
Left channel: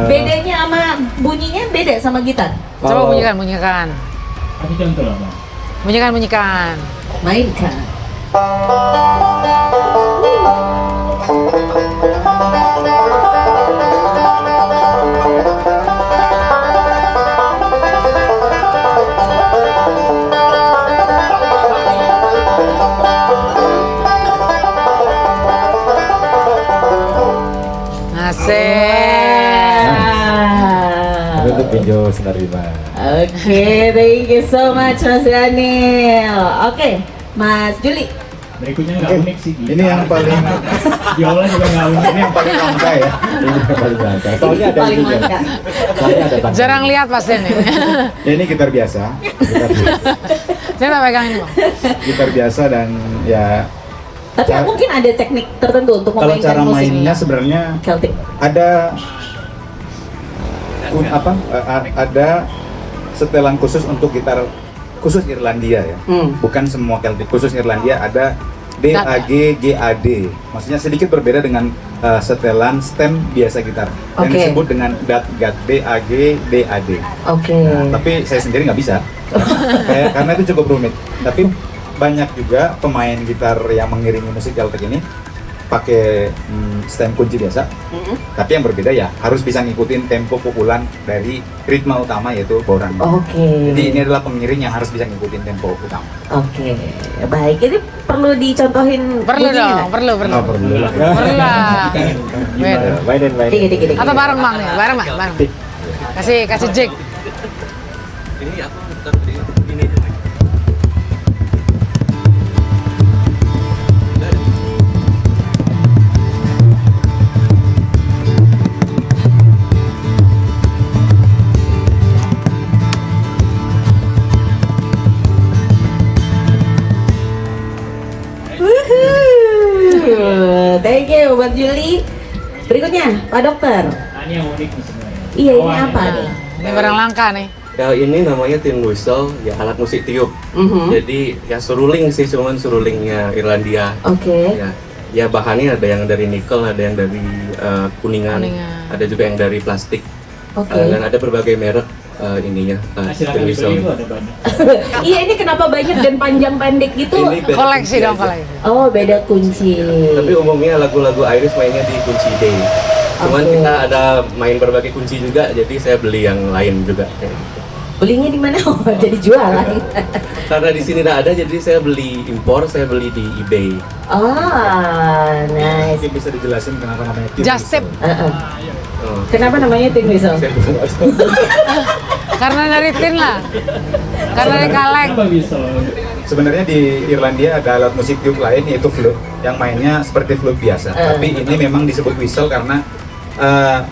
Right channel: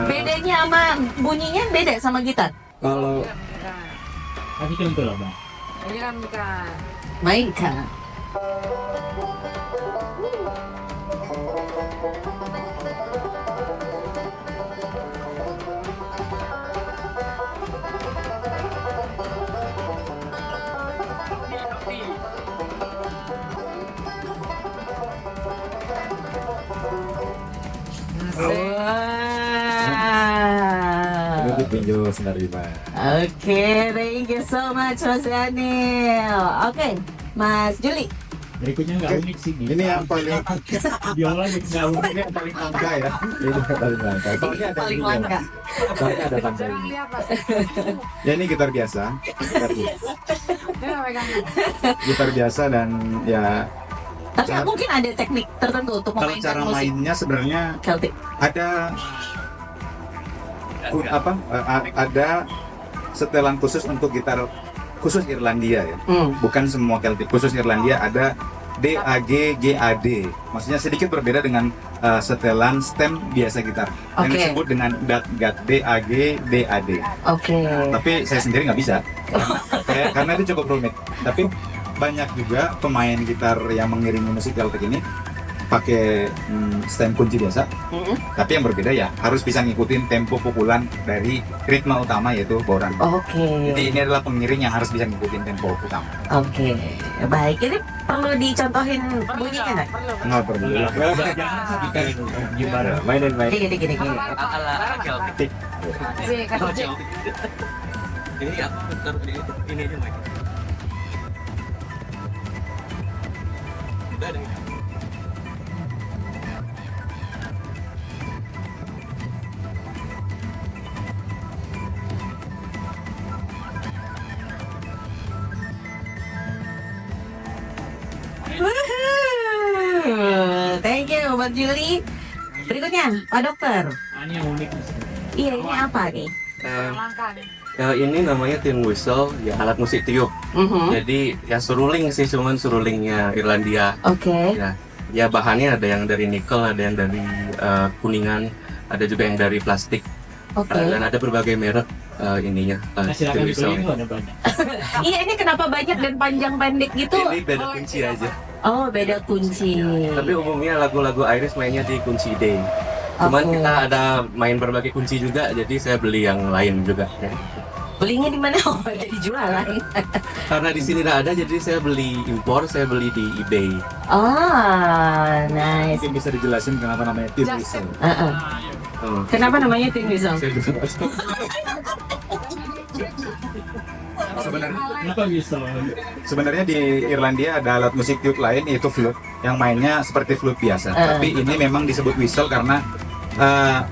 Bedanya sama bunyinya beda sama gitar. Coba bunyikan. Kasih contoh lah bang. Bunyikan. Mainkan. Asik. Untuk pinjau senar lima. Oke, thank you so much Mas Daniel. Oke, Mas Juli. Berikutnya nggak unik sih. Ini yang paling Biola juga nggak unik. ini yang paling langka ya. Ini yang paling langka. Soalnya ada Paling ini ya. langka. Soalnya ada tangan. Jarang lihat pasti ini. Ya ini gitar biasa, Dia nggak pegang ini. gitar biasa dan ya Tapi Cara- mungkin ada teknik tertentu untuk kalau memainkan cara musik mainnya sebenarnya Celtic. ada ada setelan khusus untuk gitar khusus Irlandia ya. Bukan semua Celtic, khusus Irlandia ada D, A, G, G, A, D. Maksudnya sedikit berbeda dengan setelan stem biasa gitar yang Oke. disebut dengan DAT, GAT, D, A, G, D, A, D. Oke. Nah, tapi saya sendiri nggak bisa karena itu cukup rumit. Tapi banyak juga pemain gitar yang mengiringi musik Celtic ini pakai stem kunci biasa. Tapi yang berbeda ya harus bisa ngikutin tempo pukulan dari ritme utama yaitu boran. Oke. Jadi ini adalah pengiring yang harus bisa ngikutin tempo utama. Oke. Baik, ini perlu dicontohin Perlu bunyinya dong, nggak? perlu. Nggak perlu lah. Perlu lah. Gimana? Mainin. Dikit. Atau bareng bang nih, bareng. Kasih jig. Ini aku taruh di ini aja Mike. Woohoo. Thank you buat Juli. Berikutnya, Pak Dokter. Nah, ini yang unik nih sebenarnya. Iya, ini Awalnya. apa nih? Ini barang langka nih. Ya, ini namanya tin whistle, ya alat musik tiup. Mhm. Jadi ya suruling sih, cuman surulingnya Irlandia. Oke. Ya bahannya ada yang dari nikel, ada yang dari kuningan, Kuningan. ada juga yang dari plastik. Oke. Dan ada berbagai merek ininya. Nah, silakan tin beli whistle. itu ada banyak. Iya, ini kenapa banyak dan panjang pendek gitu? Ini beda Koleksi kunci dong, aja. koleksi. Oh, beda kunci. Tapi umumnya lagu-lagu Irish mainnya di kunci D. Cuman Oke. kita ada main berbagai kunci juga, jadi saya beli yang lain juga. Belinya di mana? Oh, jadi jualan. Karena di sini tidak ada, jadi saya beli impor, saya beli di eBay. Oh, nice. Mungkin bisa dijelasin kenapa namanya tin Just tip. Uh-uh. Oh, Kenapa namanya tin whistle? saya juga nggak tahu. Karena dari tin lah. Karena dari kaleng. Kenapa bisa? Sebenarnya di Irlandia ada alat musik tiup lain yaitu flute yang mainnya seperti flute biasa. Tapi ini memang disebut whistle karena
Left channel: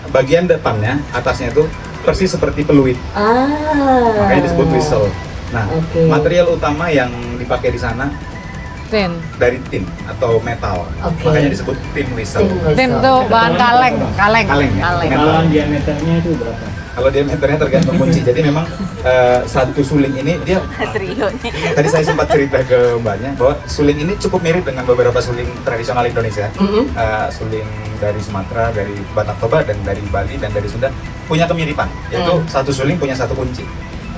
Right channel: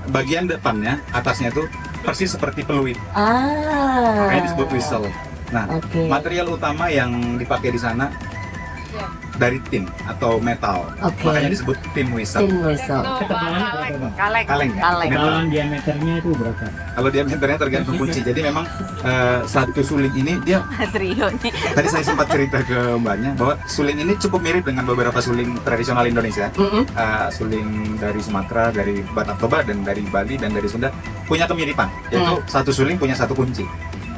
bagian depannya, atasnya itu persis seperti peluit. Makanya disebut whistle. Nah, Oke. material utama yang dipakai di sana Tin. dari tin atau metal. Oke. Makanya disebut tin whistle. Tin Tin whistle. tuh bahan kaleng. Kaleng ya? Kaleng. Metal. Kalau diameternya itu berapa? Kalau diameternya tergantung kunci. Jadi memang satu suling ini dia tadi saya sempat cerita ke mbaknya bahwa suling ini cukup mirip dengan beberapa suling tradisional Indonesia. Suling dari Sumatera, dari Batak Toba, dan dari Bali dan dari Sunda punya kemiripan. Yaitu satu suling punya satu kunci.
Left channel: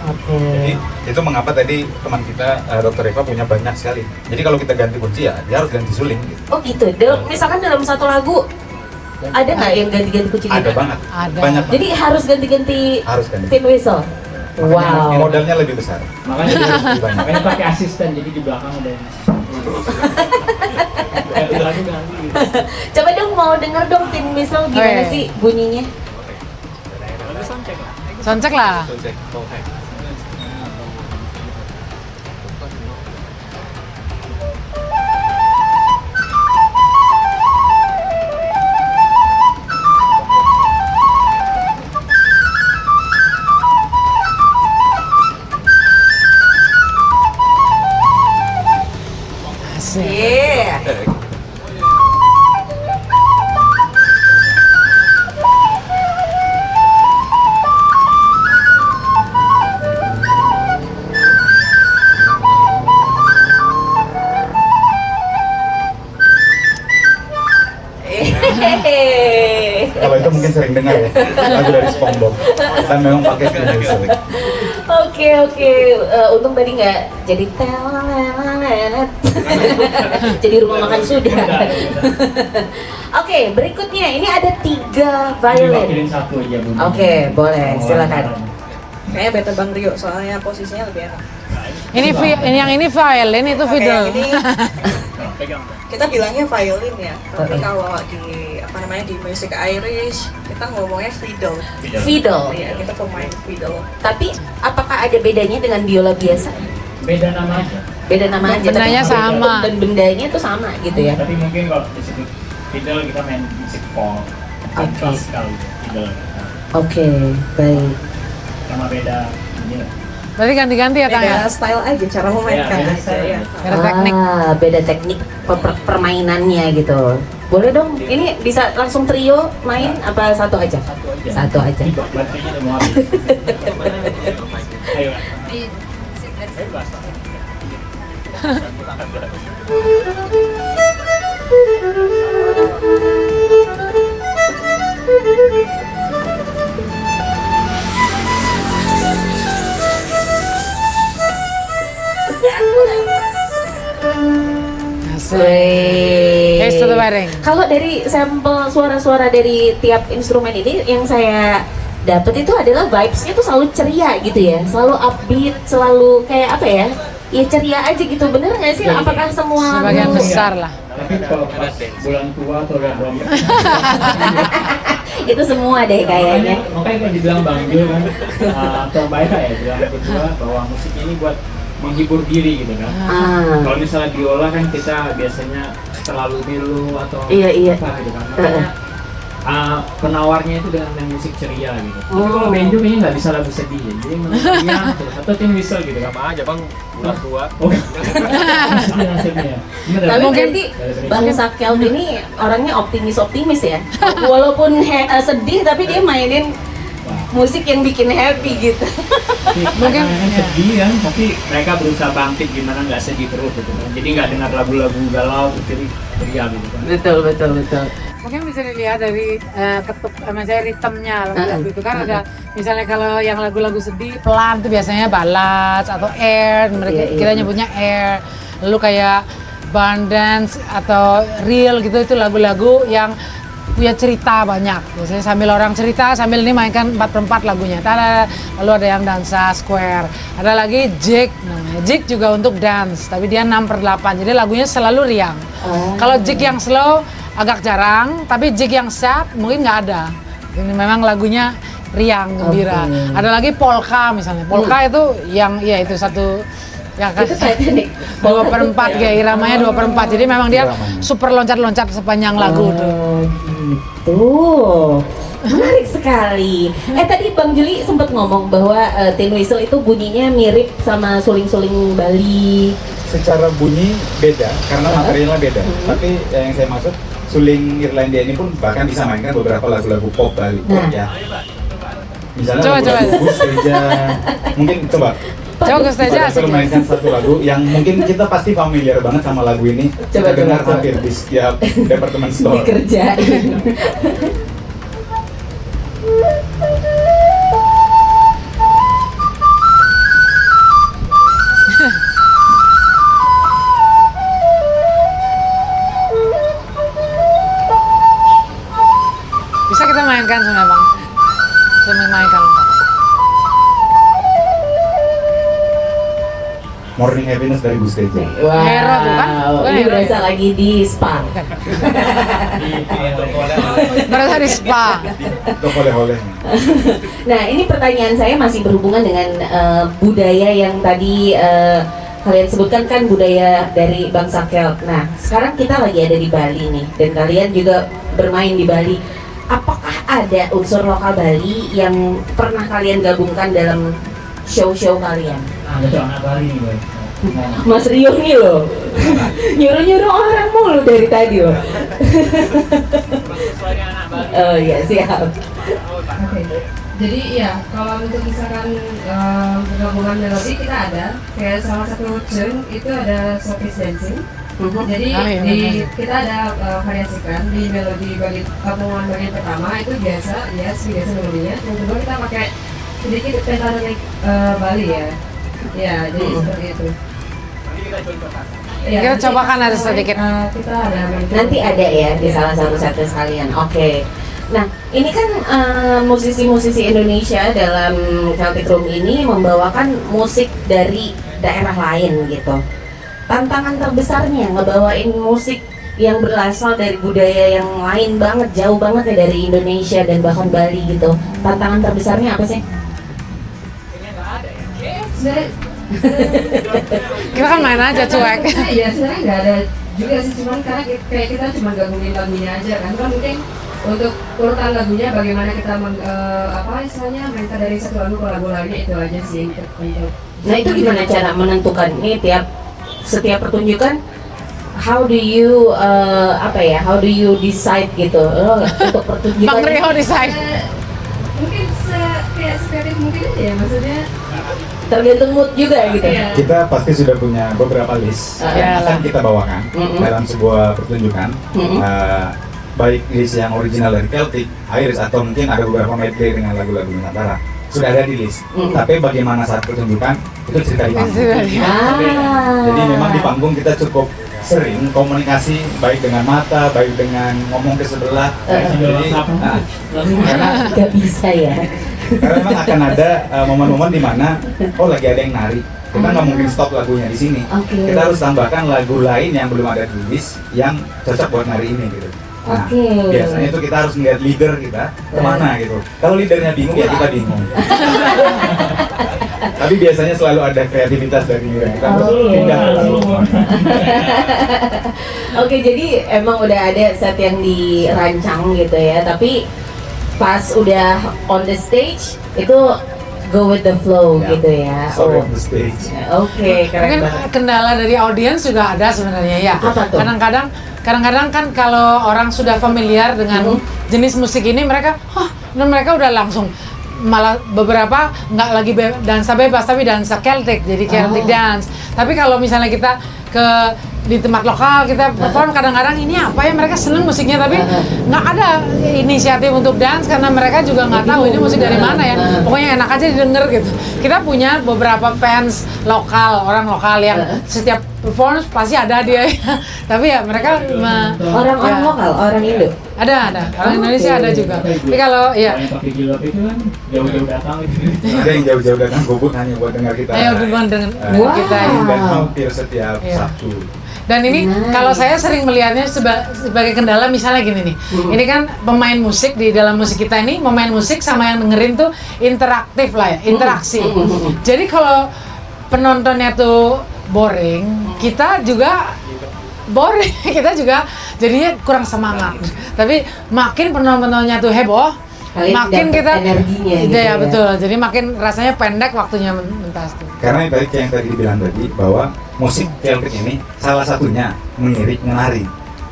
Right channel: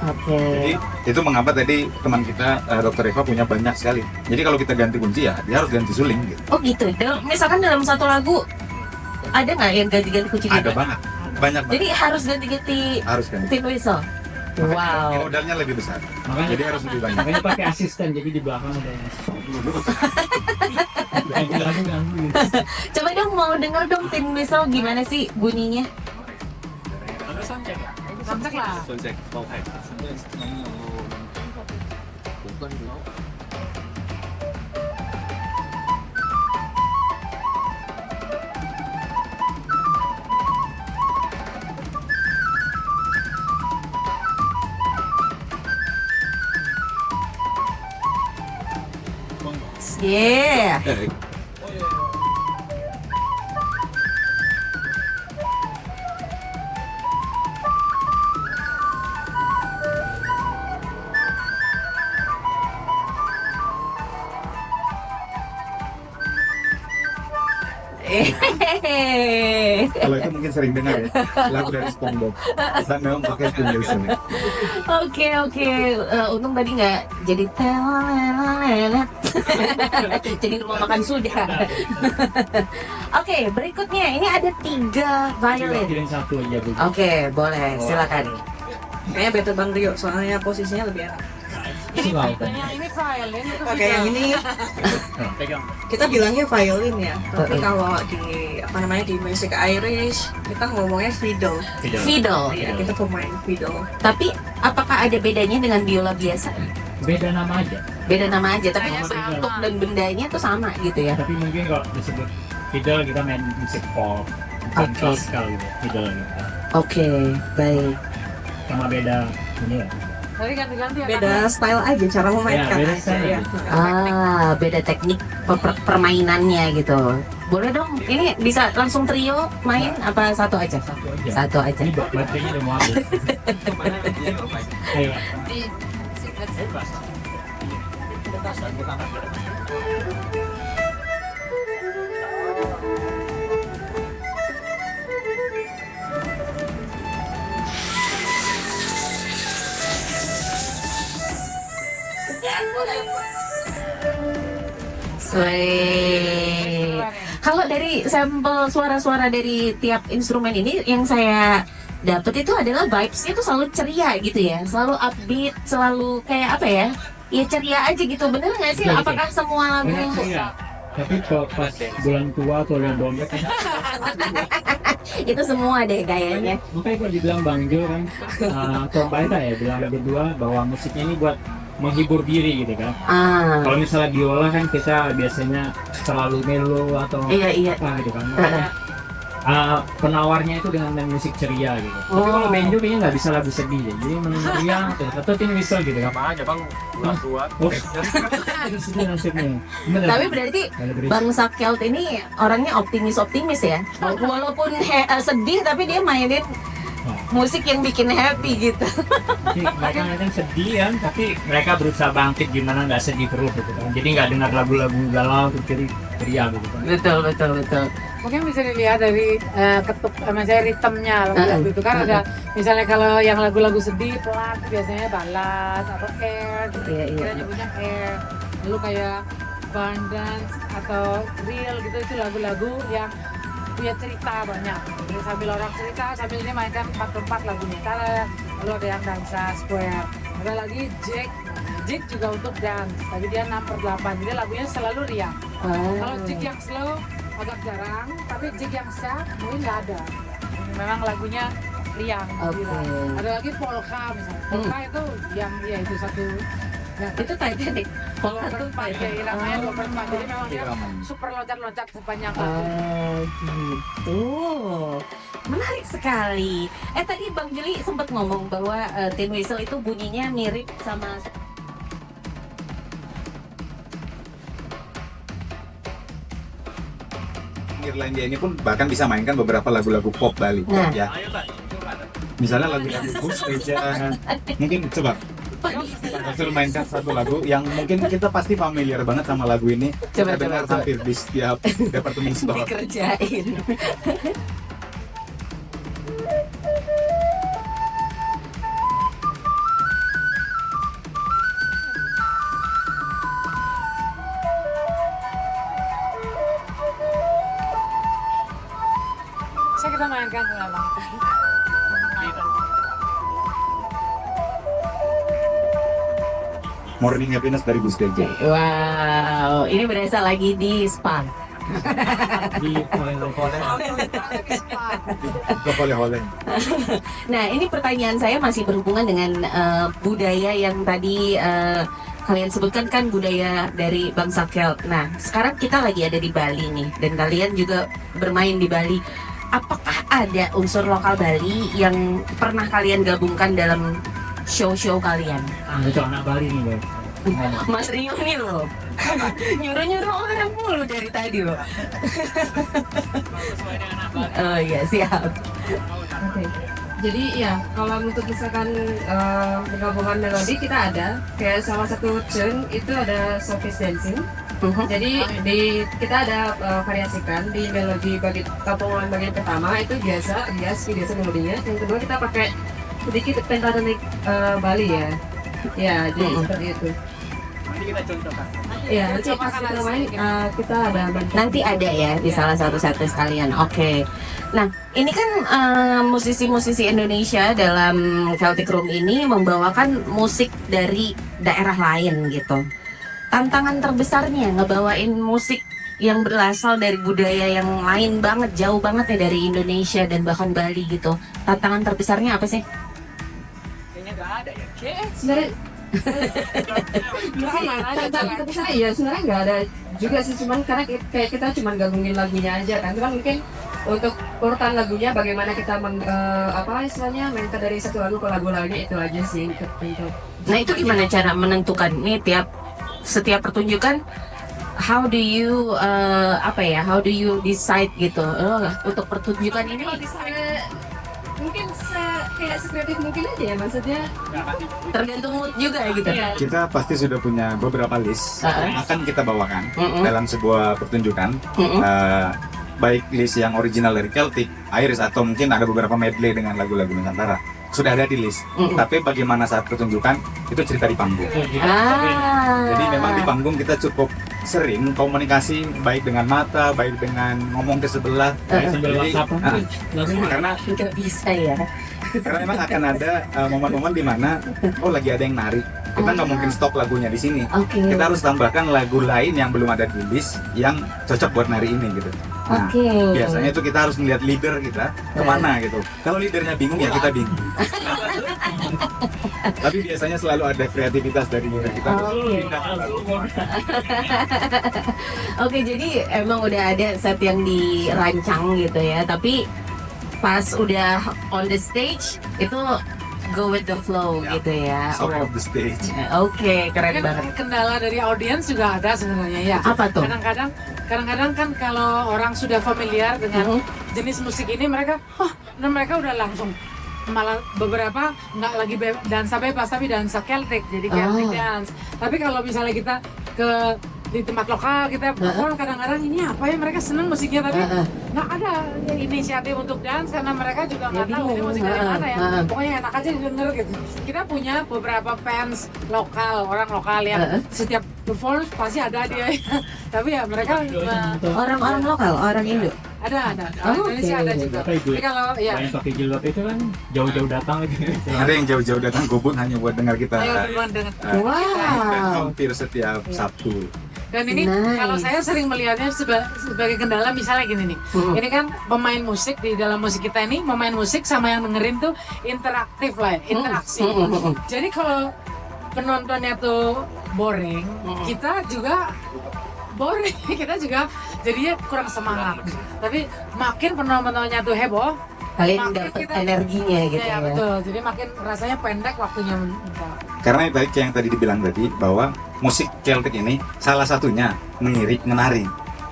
Oke. Jadi itu mengapa tadi teman kita Dr. Eva punya banyak sekali. Jadi kalau kita ganti kunci ya dia harus ganti suling. Gitu. Oh gitu. Misalkan dalam satu lagu ada nggak yang ganti-ganti kunci? Ada gitu? banget, Ada. banyak. Jadi harus ganti-ganti Harus ganti. tin whistle. Makanya Wow. modalnya lebih besar. Makanya Jadi harus lebih banyak. makanya pakai asisten, jadi di belakang ada yang ganti lagu ganti gitu. Coba dong mau denger dong tin whistle gimana Oke. sih bunyinya? Soncek lah. Soundcheck. Oh, hai. Yeah. sering dengar ya lagu dari SpongeBob. Kita memang pakai Twin Whistle. Oke. Untung tadi nggak jadi telelelet. Jadi rumah makan sudah. Oke, berikutnya ini ada 3 violin. Wakilin satu aja. Oke, boleh, silakan. Kayaknya better Bang Rio, soalnya posisinya lebih enak. Yang ini violin, itu Oke, yang fiddle. ini Pegang. kita bilangnya violin ya, tapi kalau di musik Irish kita ngomongnya fiddle. Fiddle. Iya, kita pemain fiddle. Tapi apakah ada bedanya dengan biola biasa? Beda nama aja. Beda nama aja, tapi Bendanya sama. bentuk dan bendanya itu sama gitu ya. Tapi mungkin kalau disebut fiddle kita main musik pop, Oke. klasikal fiddle kita. Oke, baik. Sama beda ini. Berarti ganti-ganti ya Kang ya? Beda style aja, cara memainkan beda aja style. ya. Beda teknik. Beda teknik permainannya gitu. Boleh dong, ini bisa langsung trio main apa satu aja? Satu aja. Satu aja. Ini baterainya udah mau habis. Ayo. Here's to the wedding. Kalau dari sampel suara-suara dari tiap instrumen ini yang saya dapat itu adalah vibes-nya tuh selalu ceria gitu ya, selalu upbeat, selalu kayak apa ya? Ya ceria aja gitu, bener nggak sih? Apakah semua Sebagian lagu- besar lah. Tapi kalau pas bulan tua atau udah dompet itu semua deh kayaknya. makanya kalau dibilang Bang Jul kan atau Mbak Eka ya bilang berdua bahwa musiknya ini buat menghibur diri gitu kan. Kalau misalnya biola kan kita biasanya terlalu melo atau Iya. apa gitu kan. Makanya penawarnya itu dengan musik ceria gitu. Tapi kalau banjo kayaknya nggak bisa lagu sedih ya. Jadi menurutnya terus atau Tin Whistle gitu kan. Sama aja bang, bulan tua. Oh, sedih nasibnya. Bener, Tapi ya? berarti Bang Sakel ini orangnya optimis ya. Walaupun sedih tapi dia mainin musik yang bikin happy gitu. Mungkin kan sedih kan, tapi mereka berusaha bangkit gimana nggak sedih terus gitu kan. Jadi nggak dengar lagu-lagu galau terus jadi ceria gitu kan. Betul. Mungkin bisa dilihat dari misalnya ritmenya lagu itu kan ada misalnya kalau yang lagu-lagu sedih pelan tuh biasanya ballad atau air, mereka Iya. kita nyebutnya air. Lalu kayak barn dance atau real gitu itu lagu-lagu yang punya cerita banyak. Biasanya sambil orang cerita sambil ini mainkan 4/4 lagunya. Lalu ada yang dansa square. Ada lagi jig. Nah, jig juga untuk dance, tapi dia 6/8. Jadi lagunya selalu riang. Kalau jig yang slow agak jarang, tapi jig yang sad mungkin nggak ada. Ini memang lagunya riang, gembira. Ada lagi polka misalnya. Polka itu yang ya itu satu ya kan Itu Titanic. 2/4 ya iramanya 2/4. Jadi memang dia super loncat-loncat sepanjang lagu tuh. Gitu. Menarik sekali. Tadi Bang Juli sempat ngomong bahwa Tin Whistle itu bunyinya mirip sama suling-suling Bali. Secara bunyi beda karena materialnya beda. Tapi yang saya maksud suling Irlandia ini pun bahkan bisa mainkan beberapa lagu-lagu pop Bali ya. Misalnya Coba. lagu Gus Reja. Mungkin coba. Coba Gus Reja Saya asik. mainkan satu lagu yang mungkin kita pasti familiar banget sama lagu ini. Kita dengar hampir di setiap departemen store. Dikerjain. Bisa kita mainkan sebenarnya bang. Bisa mainkan. Morning Happiness dari Gus Reja. Wow, ini berasa lagi di spa. Berasa di spa. Itu oleh-oleh. Nah, ini pertanyaan saya masih berhubungan dengan budaya yang tadi kalian sebutkan kan budaya dari bangsa Kelt. Nah, sekarang kita lagi ada di Bali nih, dan kalian juga bermain di Bali. Apakah ada unsur lokal Bali yang pernah kalian gabungkan dalam show-show kalian? Ada anak Bali nih, Boy. Mas Rio nih loh, nyuruh-nyuruh orang mulu dari tadi loh. Oh iya, siap. Jadi ya kalau untuk misalkan gabungan melodi kita ada kayak salah satu tune itu ada showbiz dancing. Jadi Amin. kita ada variasikan di melodi potongan bagian pertama itu biasa, biasa melodinya. Yang kedua kita pakai sedikit pentatonik Bali ya. Ya, jadi seperti itu. Ya, Kita cobakan ada sedikit. Kita ada Nanti ada ya di salah satu set sekalian. Oke. Nah, ini kan musisi-musisi Indonesia dalam Celtic Room ini membawakan musik dari daerah lain gitu. Tantangan terbesarnya ngebawain musik yang berasal dari budaya yang lain banget, jauh banget ya dari Indonesia dan bahkan Bali gitu. Tantangan terbesarnya apa sih? Sebenarnya Kita kan main aja cuek. Iya, sebenarnya nggak ada juga sih, cuman karena kayak kita cuma gabungin lagunya aja kan mungkin untuk urutan lagunya bagaimana kita istilahnya mainkan dari satu lagu ke lagu lainnya itu aja sih untuk. Nah, itu gimana cara menentukan ini setiap pertunjukan? How do you how do you decide gitu untuk Bang pertunjukan? Rio desain. Mungkin kayak sekreatif mungkin aja ya, maksudnya Tergantung mood juga gitu. Iya. Kita pasti sudah punya beberapa list yang akan kita bawakan dalam sebuah pertunjukan. Baik list yang original dari Celtic, Irish, atau mungkin ada beberapa medley dengan lagu-lagu Nusantara. Sudah ada di list. Tapi bagaimana saat pertunjukan itu cerita di panggung. Jadi memang di panggung kita cukup sering komunikasi baik dengan mata, baik dengan ngomong ke sebelah. Jadi, karena Gak bisa ya. karena memang akan ada momen-momen di mana lagi ada yang nari. Kita nggak mungkin stop lagunya di sini. Oke. Kita harus tambahkan lagu lain yang belum ada di list yang cocok buat nari ini gitu. Nah, Oke. biasanya itu kita harus melihat leader kita kemana gitu. Kalau leadernya bingung ya kita bingung. Tapi biasanya selalu ada kreativitas dari leader kita. Oke, jadi emang udah ada set yang dirancang gitu ya, tapi pas udah on the stage itu go with the flow gitu ya. Story of the stage. Oke, keren Mungkin banget. kendala dari audiens juga ada sebenarnya ya. Apa tuh? Kadang-kadang kan kalau orang sudah familiar dengan jenis musik ini mereka, dan mereka udah langsung malah beberapa nggak lagi dansa bebas tapi dansa Celtic, jadi Celtic dance. Tapi kalau misalnya kita di tempat lokal kita perform, kadang-kadang ini apa ya, mereka seneng musiknya tapi nggak ada inisiatif untuk dance karena mereka juga nggak tahu ini musik dari mana ya, pokoknya enak aja didengar gitu. Kita punya beberapa fans lokal, orang lokal yang setiap perform pasti ada dia tapi ya mereka Orang lokal, orang Indo. ada orang Indonesia ada juga. Tapi kalau ya yang pakai jilbab itu kan jauh-jauh datang gitu. Ada yang jauh-jauh datang gubuk hanya buat dengar kita. hubungan dengan Wow. kita ya. Dan hampir setiap Sabtu. Dan ini Nice. kalau saya sering melihatnya sebagai kendala misalnya gini nih. Ini kan pemain musik di dalam musik kita ini, pemain musik sama yang dengerin tuh interaktif lah ya, interaksi. Jadi kalau penontonnya tuh boring, kita juga boring, kita juga jadinya kurang semangat. Tapi makin penontonnya tuh heboh, makin kita energinya gitu ya, ya. betul. Jadi makin rasanya pendek waktunya mentas. Karena baik yang tadi dibilang tadi bahwa musik Celtic ini salah satunya mengiring menari.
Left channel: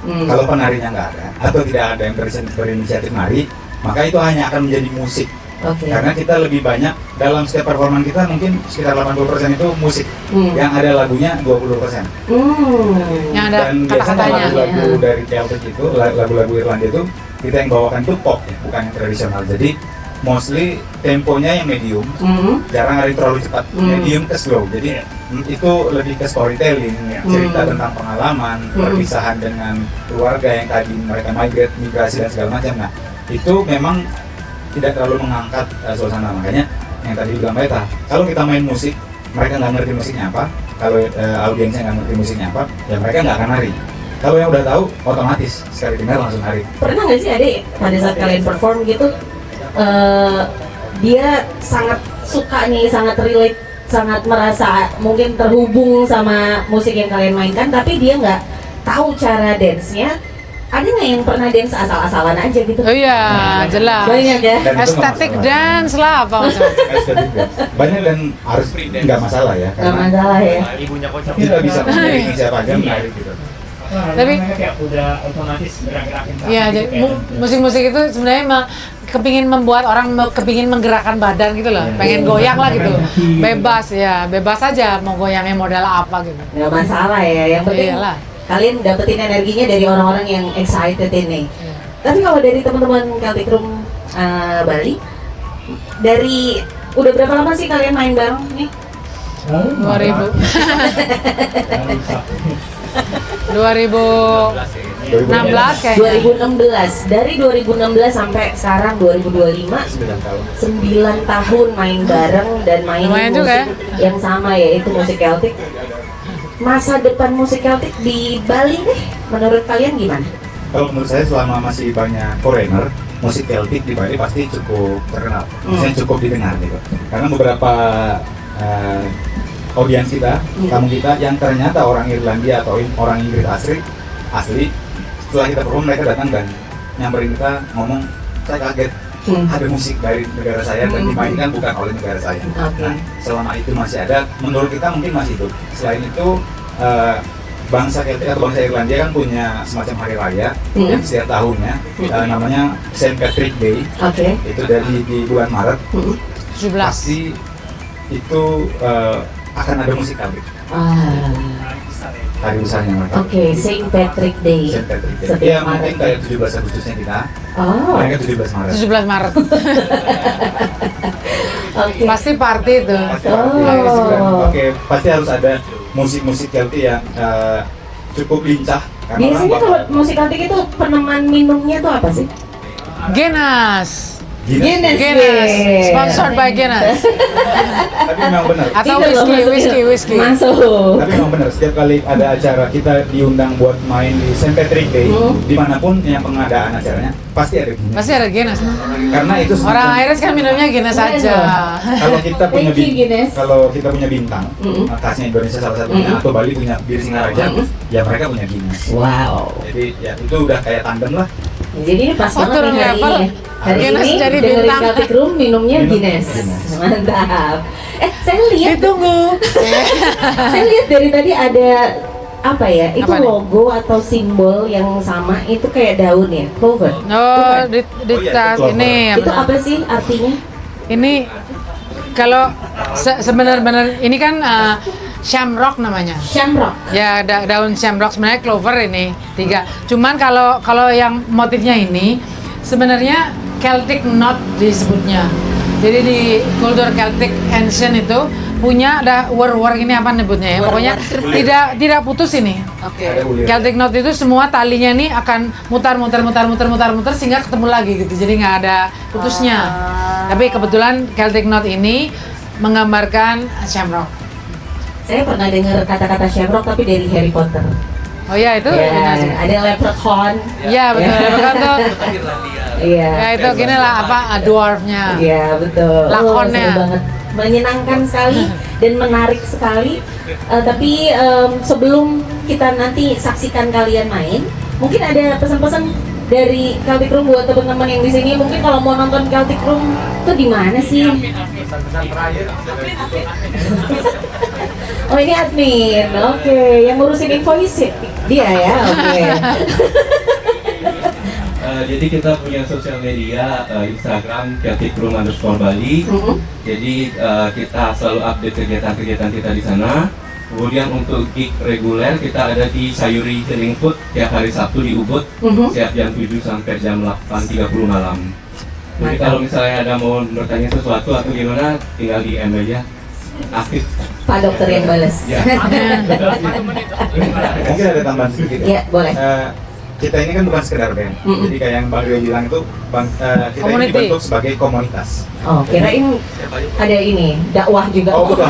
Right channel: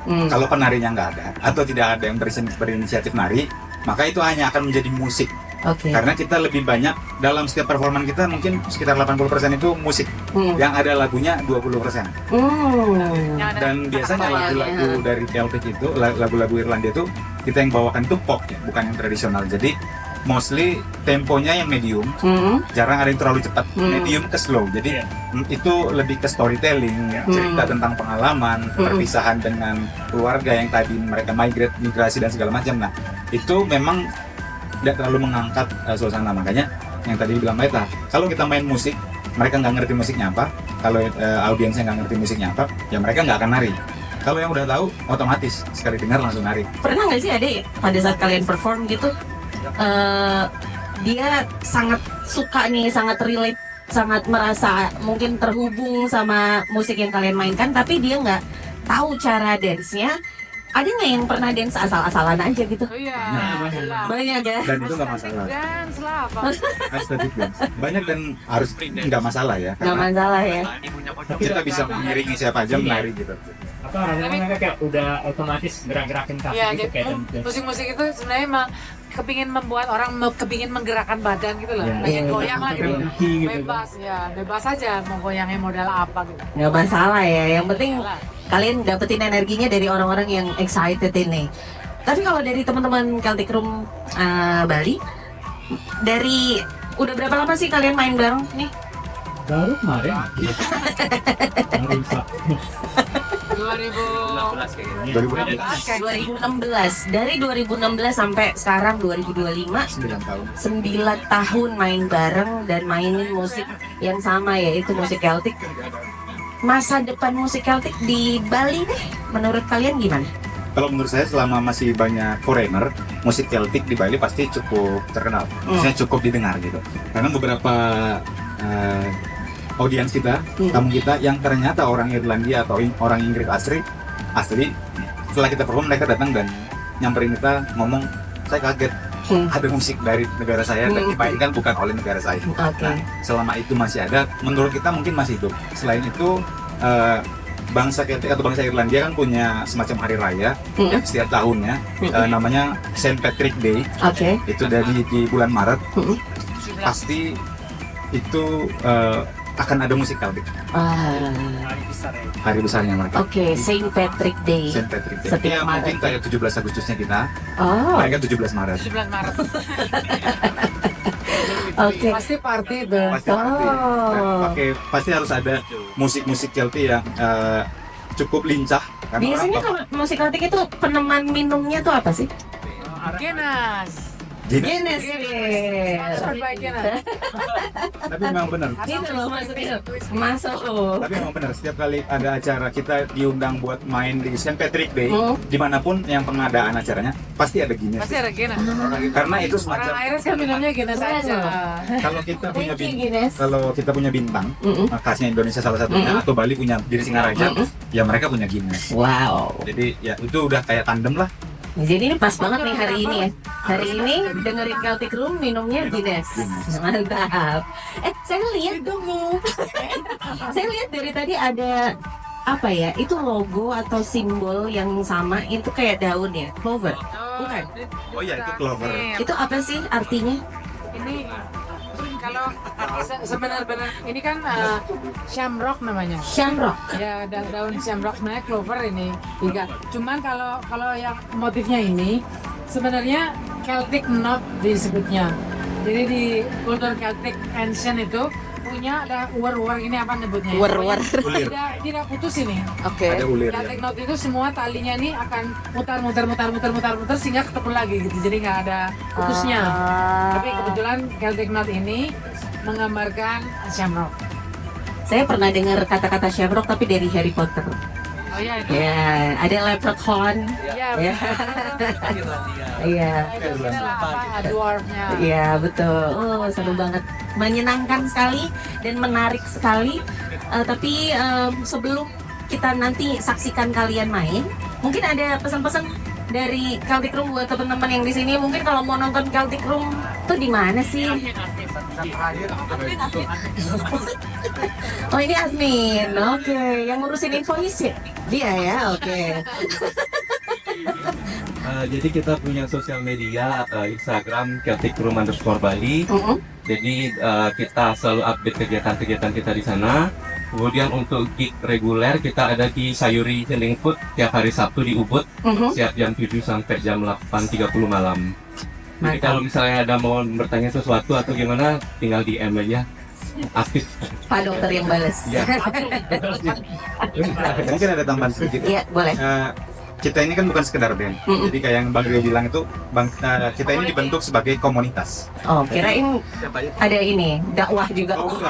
Kalau penarinya nggak ada atau tidak ada yang berinisiatif nari, maka itu hanya akan menjadi musik. Oke. Karena kita lebih banyak dalam setiap performan kita mungkin sekitar 80% itu musik, yang ada lagunya 20%. Yang ada Dan biasanya kata-katanya. lagu-lagu dari Celtic itu, lagu-lagu Irlandia itu kita yang bawakan itu pop ya, bukan yang tradisional. Jadi mostly temponya yang medium, jarang ada yang terlalu cepat, medium ke slow. Jadi itu lebih ke storytelling, cerita tentang pengalaman, perpisahan dengan keluarga yang tadi mereka migrasi dan segala macam. Nah itu memang tidak terlalu mengangkat suasana, makanya yang tadi bilang Leta, kalau kita main musik, mereka nggak ngerti musiknya apa, kalau audiensnya nggak ngerti musiknya apa, ya mereka nggak akan nari. Kalau yang udah tahu, otomatis sekali dengar langsung nari. Pernah nggak sih Ade pada saat kalian perform gitu, dia sangat suka nih, sangat relate, sangat merasa mungkin terhubung sama musik yang kalian mainkan, tapi dia nggak tahu cara dance-nya. Ada nggak yang pernah dance asal-asalan aja gitu? Oh iya, jelas. Banyak ya. Dan itu nggak Aesthetic masalah. dance lah apa macam. Banyak dan harus nggak masalah ya, Nggak karena masalah ya. kita bisa mengiringi siapa aja menari gitu. Tapi- Mereka kayak udah otomatis gerak-gerakin kaki Iya, gitu, kayak musik-musik itu sebenarnya kepingin membuat orang kepingin menggerakkan badan gitu loh, Iya. pengen goyang lah gitu, Iya. bebas ya, bebas aja mau goyangnya model apa gitu. Nggak masalah ya. Yang penting Iyalah. kalian dapetin energinya dari orang-orang yang excited ini. Tapi kalau dari teman-teman Celtic Room Bali, dari udah berapa lama sih kalian main bareng nih? 2016 kayak 2016. Dari 2016 sampai sekarang 2025, 9 tahun main bareng dan main Lumayan juga musik yang sama, yaitu musik Celtic. Masa depan musik Celtic di Bali nih, menurut kalian gimana? Kalau menurut saya selama masih banyak foreigner, musik Celtic di Bali pasti cukup terkenal, maksudnya cukup didengar gitu. Karena beberapa audiens kita, tamu kita yang ternyata orang Irlandia atau orang Inggris asli, setelah kita perform mereka datang dan nyamperin kita ngomong, saya kaget ada musik dari negara saya dan dimainkan bukan oleh negara saya. Nah, selama itu masih ada, menurut kita mungkin masih hidup. Selain itu bangsa Celtic atau bangsa Irlandia kan punya semacam hari raya yang setiap tahunnya namanya Saint Patrick Day. Itu dari di bulan Maret. 17. Pasti itu akan ada musik Celtic. Hari besarnya mereka. Saint Patrick Day. Saint Patrick Day. Setiap Ya Maret. mungkin kayak 17 Agustusnya kita. Mereka 17 Maret. 17 Maret. Pasti party itu. Pasti pasti harus ada musik-musik Celtic yang cukup lincah. Karena Biasanya kalau musik Celtic itu peneman minumnya tuh apa sih? Guinness. Guinness. Sponsored by Guinness. Tapi memang benar. Atau Itu loh, whisky. Masuk. Tapi memang benar, setiap kali ada acara kita diundang buat main di Saint Patrick Day, dimanapun yang pengadaan acaranya pasti ada Guinness. Pasti ada Guinness. Karena itu Orang semacam- Iris kan minumnya Guinness aja. kalau kita punya Thank you, Guinness. kalau kita punya bintang, khasnya Indonesia salah satunya, atau Bali punya Bir Singaraja, ya mereka punya Guinness. Wow. Jadi ya itu udah kayak tandem lah. Jadi ini pas banget nih hari ini ya. Hari Guinness ini jadi dengerin bintang. Celtic Room minumnya Guinness. Mantap. Saya lihat Ditunggu. saya lihat dari tadi ada apa ya? Itu Apa nih? logo atau simbol yang sama, itu kayak daun ya, clover. Oh, Bukan? di ini. Itu apa sih artinya? Ini kalau sebenarnya ini kan shamrock namanya. Shamrock. Ya daun shamrock, sebenarnya clover ini 3. Cuman kalau yang motifnya ini sebenarnya Celtic knot disebutnya. Jadi di kultur Celtic ancient itu punya ada war ini apa nyebutnya ya? Pokoknya tidak putus ini. Ada ulir. Celtic knot itu semua talinya nih akan mutar sehingga ketemu lagi gitu. Jadi nggak ada putusnya. Tapi kebetulan Celtic knot ini menggambarkan shamrock. Saya pernah dengar kata-kata shamrock tapi dari Harry Potter. Oh ya itu? Ya, ada leprechaun. Iya betul. Kan tuh. Iya. Ya itu gini lah apa dwarfnya. Iya betul. Lakonnya. Seru banget, menyenangkan sekali dan menarik sekali. Tapi sebelum kita nanti saksikan kalian main, mungkin ada pesan-pesan dari Celtic Room buat teman-teman yang di sini. Mungkin kalau mau nonton Celtic Room tuh di mana sih? Oh ini admin, oke. Yang ngurusin invoice dia ya, oke. Jadi kita punya sosial media, Instagram Celtic Room _Bali. Jadi kita selalu update kegiatan-kegiatan kita di sana. Kemudian untuk gig reguler kita ada di Sayuri Healing Food tiap hari Sabtu di Ubud, setiap jam 7 sampai jam 8.30 malam. Jadi kalau misalnya ada mau bertanya sesuatu atau gimana, tinggal DM aja. Aktif. Pak dokter yang balas. Ya. Mungkin ada tambahan sedikit. Iya, boleh. Kita ini kan bukan sekedar band. Jadi kayak yang Bang Rio bilang itu, kita ini Community. dibentuk sebagai komunitas. Oh, kirain ada ini dakwah juga. Oh bukan,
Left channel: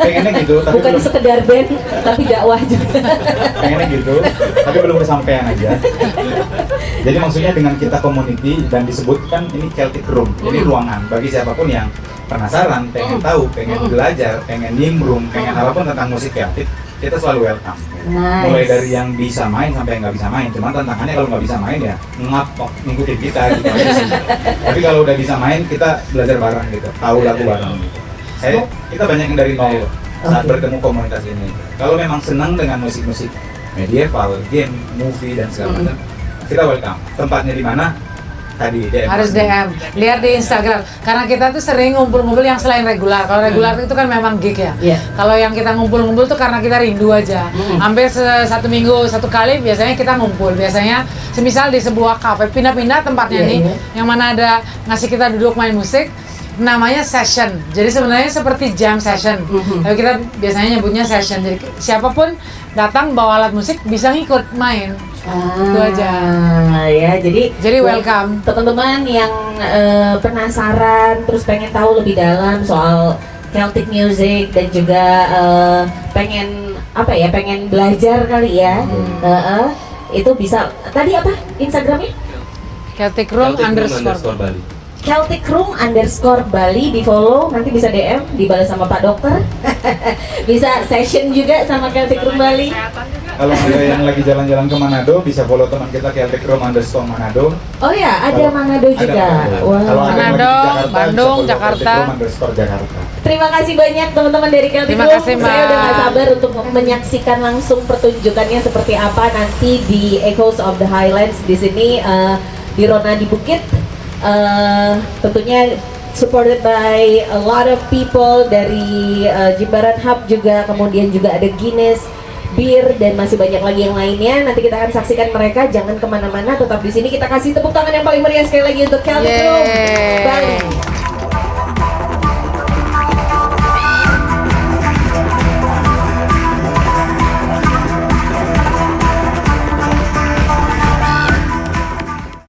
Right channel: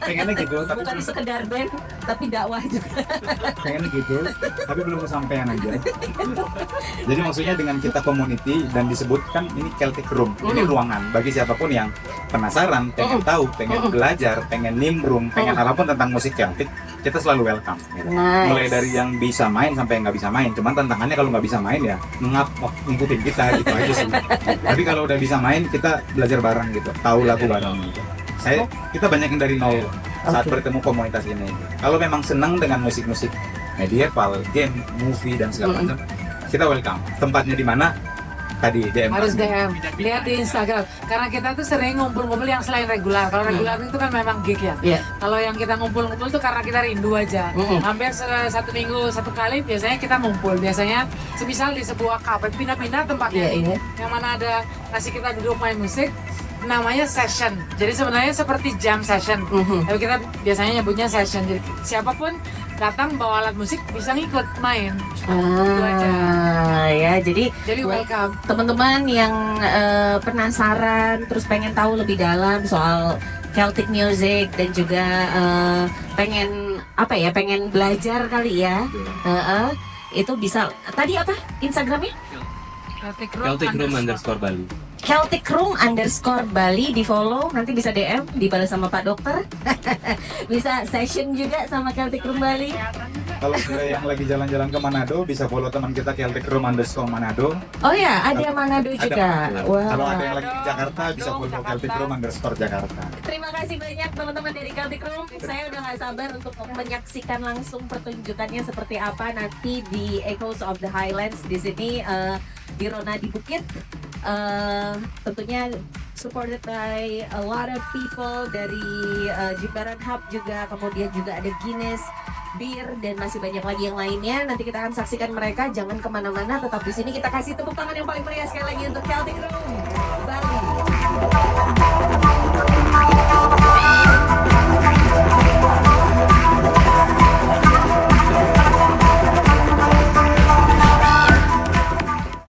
pengennya gitu, tapi Bukan belum, sekedar band, tapi dakwah juga. pengennya gitu, tapi belum kesampaian aja. Jadi maksudnya dengan kita community dan disebutkan ini Celtic Room, ini ruangan bagi siapapun yang penasaran, pengen tahu, pengen belajar, pengen nimbrung, pengen apapun tentang musik Celtic, kita selalu welcome. Nice. Mulai dari yang bisa main sampai yang nggak bisa main. Cuman tantangannya kalau nggak bisa main ya ngapok ngikutin kita gitu aja sih. Tapi kalau udah bisa main kita belajar bareng gitu, tahu lagu bareng. Kita banyak yang dari nol saat bertemu komunitas ini. Kalau memang senang dengan musik-musik medieval, game, movie dan segala macam, kita welcome. Tempatnya di mana? tadi DM. Harus DM, lihat di Instagram. Karena kita tuh sering ngumpul-ngumpul yang selain regular. Kalau regular itu kan memang gig ya. Iya. Kalau yang kita ngumpul-ngumpul tuh karena kita rindu aja. Hampir satu minggu satu kali biasanya kita ngumpul. Biasanya semisal di sebuah kafe, pindah-pindah tempatnya nih, yang mana ada ngasih kita duduk main musik. Namanya session, jadi sebenarnya seperti jam session. Tapi kita biasanya nyebutnya session. Jadi siapapun datang bawa alat musik bisa ngikut main. Itu aja. Ya, jadi welcome. teman-teman yang penasaran terus pengen tahu lebih dalam soal Celtic music dan juga pengen pengen belajar kali ya. Itu bisa. Tadi apa Instagramnya? Celtic Room __ Bali. Celtic Room _Bali, di follow, nanti bisa DM, dibalas sama Pak Dokter. Bisa session juga sama Celtic Room Bali. Kalau ada yang lagi jalan-jalan ke Manado bisa follow teman kita Celtic Room _Manado. Oh ya, ada Manado juga. Wah. Kalau ada yang lagi Manado, di Jakarta, Bandung, bisa follow Jakarta. Celtic Room _Jakarta. Terima kasih banyak teman-teman dari Celtic Terima Room. kasih, Saya udah Mbak. gak sabar untuk menyaksikan langsung pertunjukannya seperti apa nanti di Echoes of the Highlands di sini di Rona di Bukit. Tentunya supported by a lot of people dari Jimbaran Hub juga, kemudian juga ada Guinness Bir dan masih banyak lagi yang lainnya. Nanti kita akan saksikan mereka, jangan kemana-mana, tetap di sini. Kita kasih tepuk tangan yang paling meriah sekali lagi untuk Celtic Room. Bye.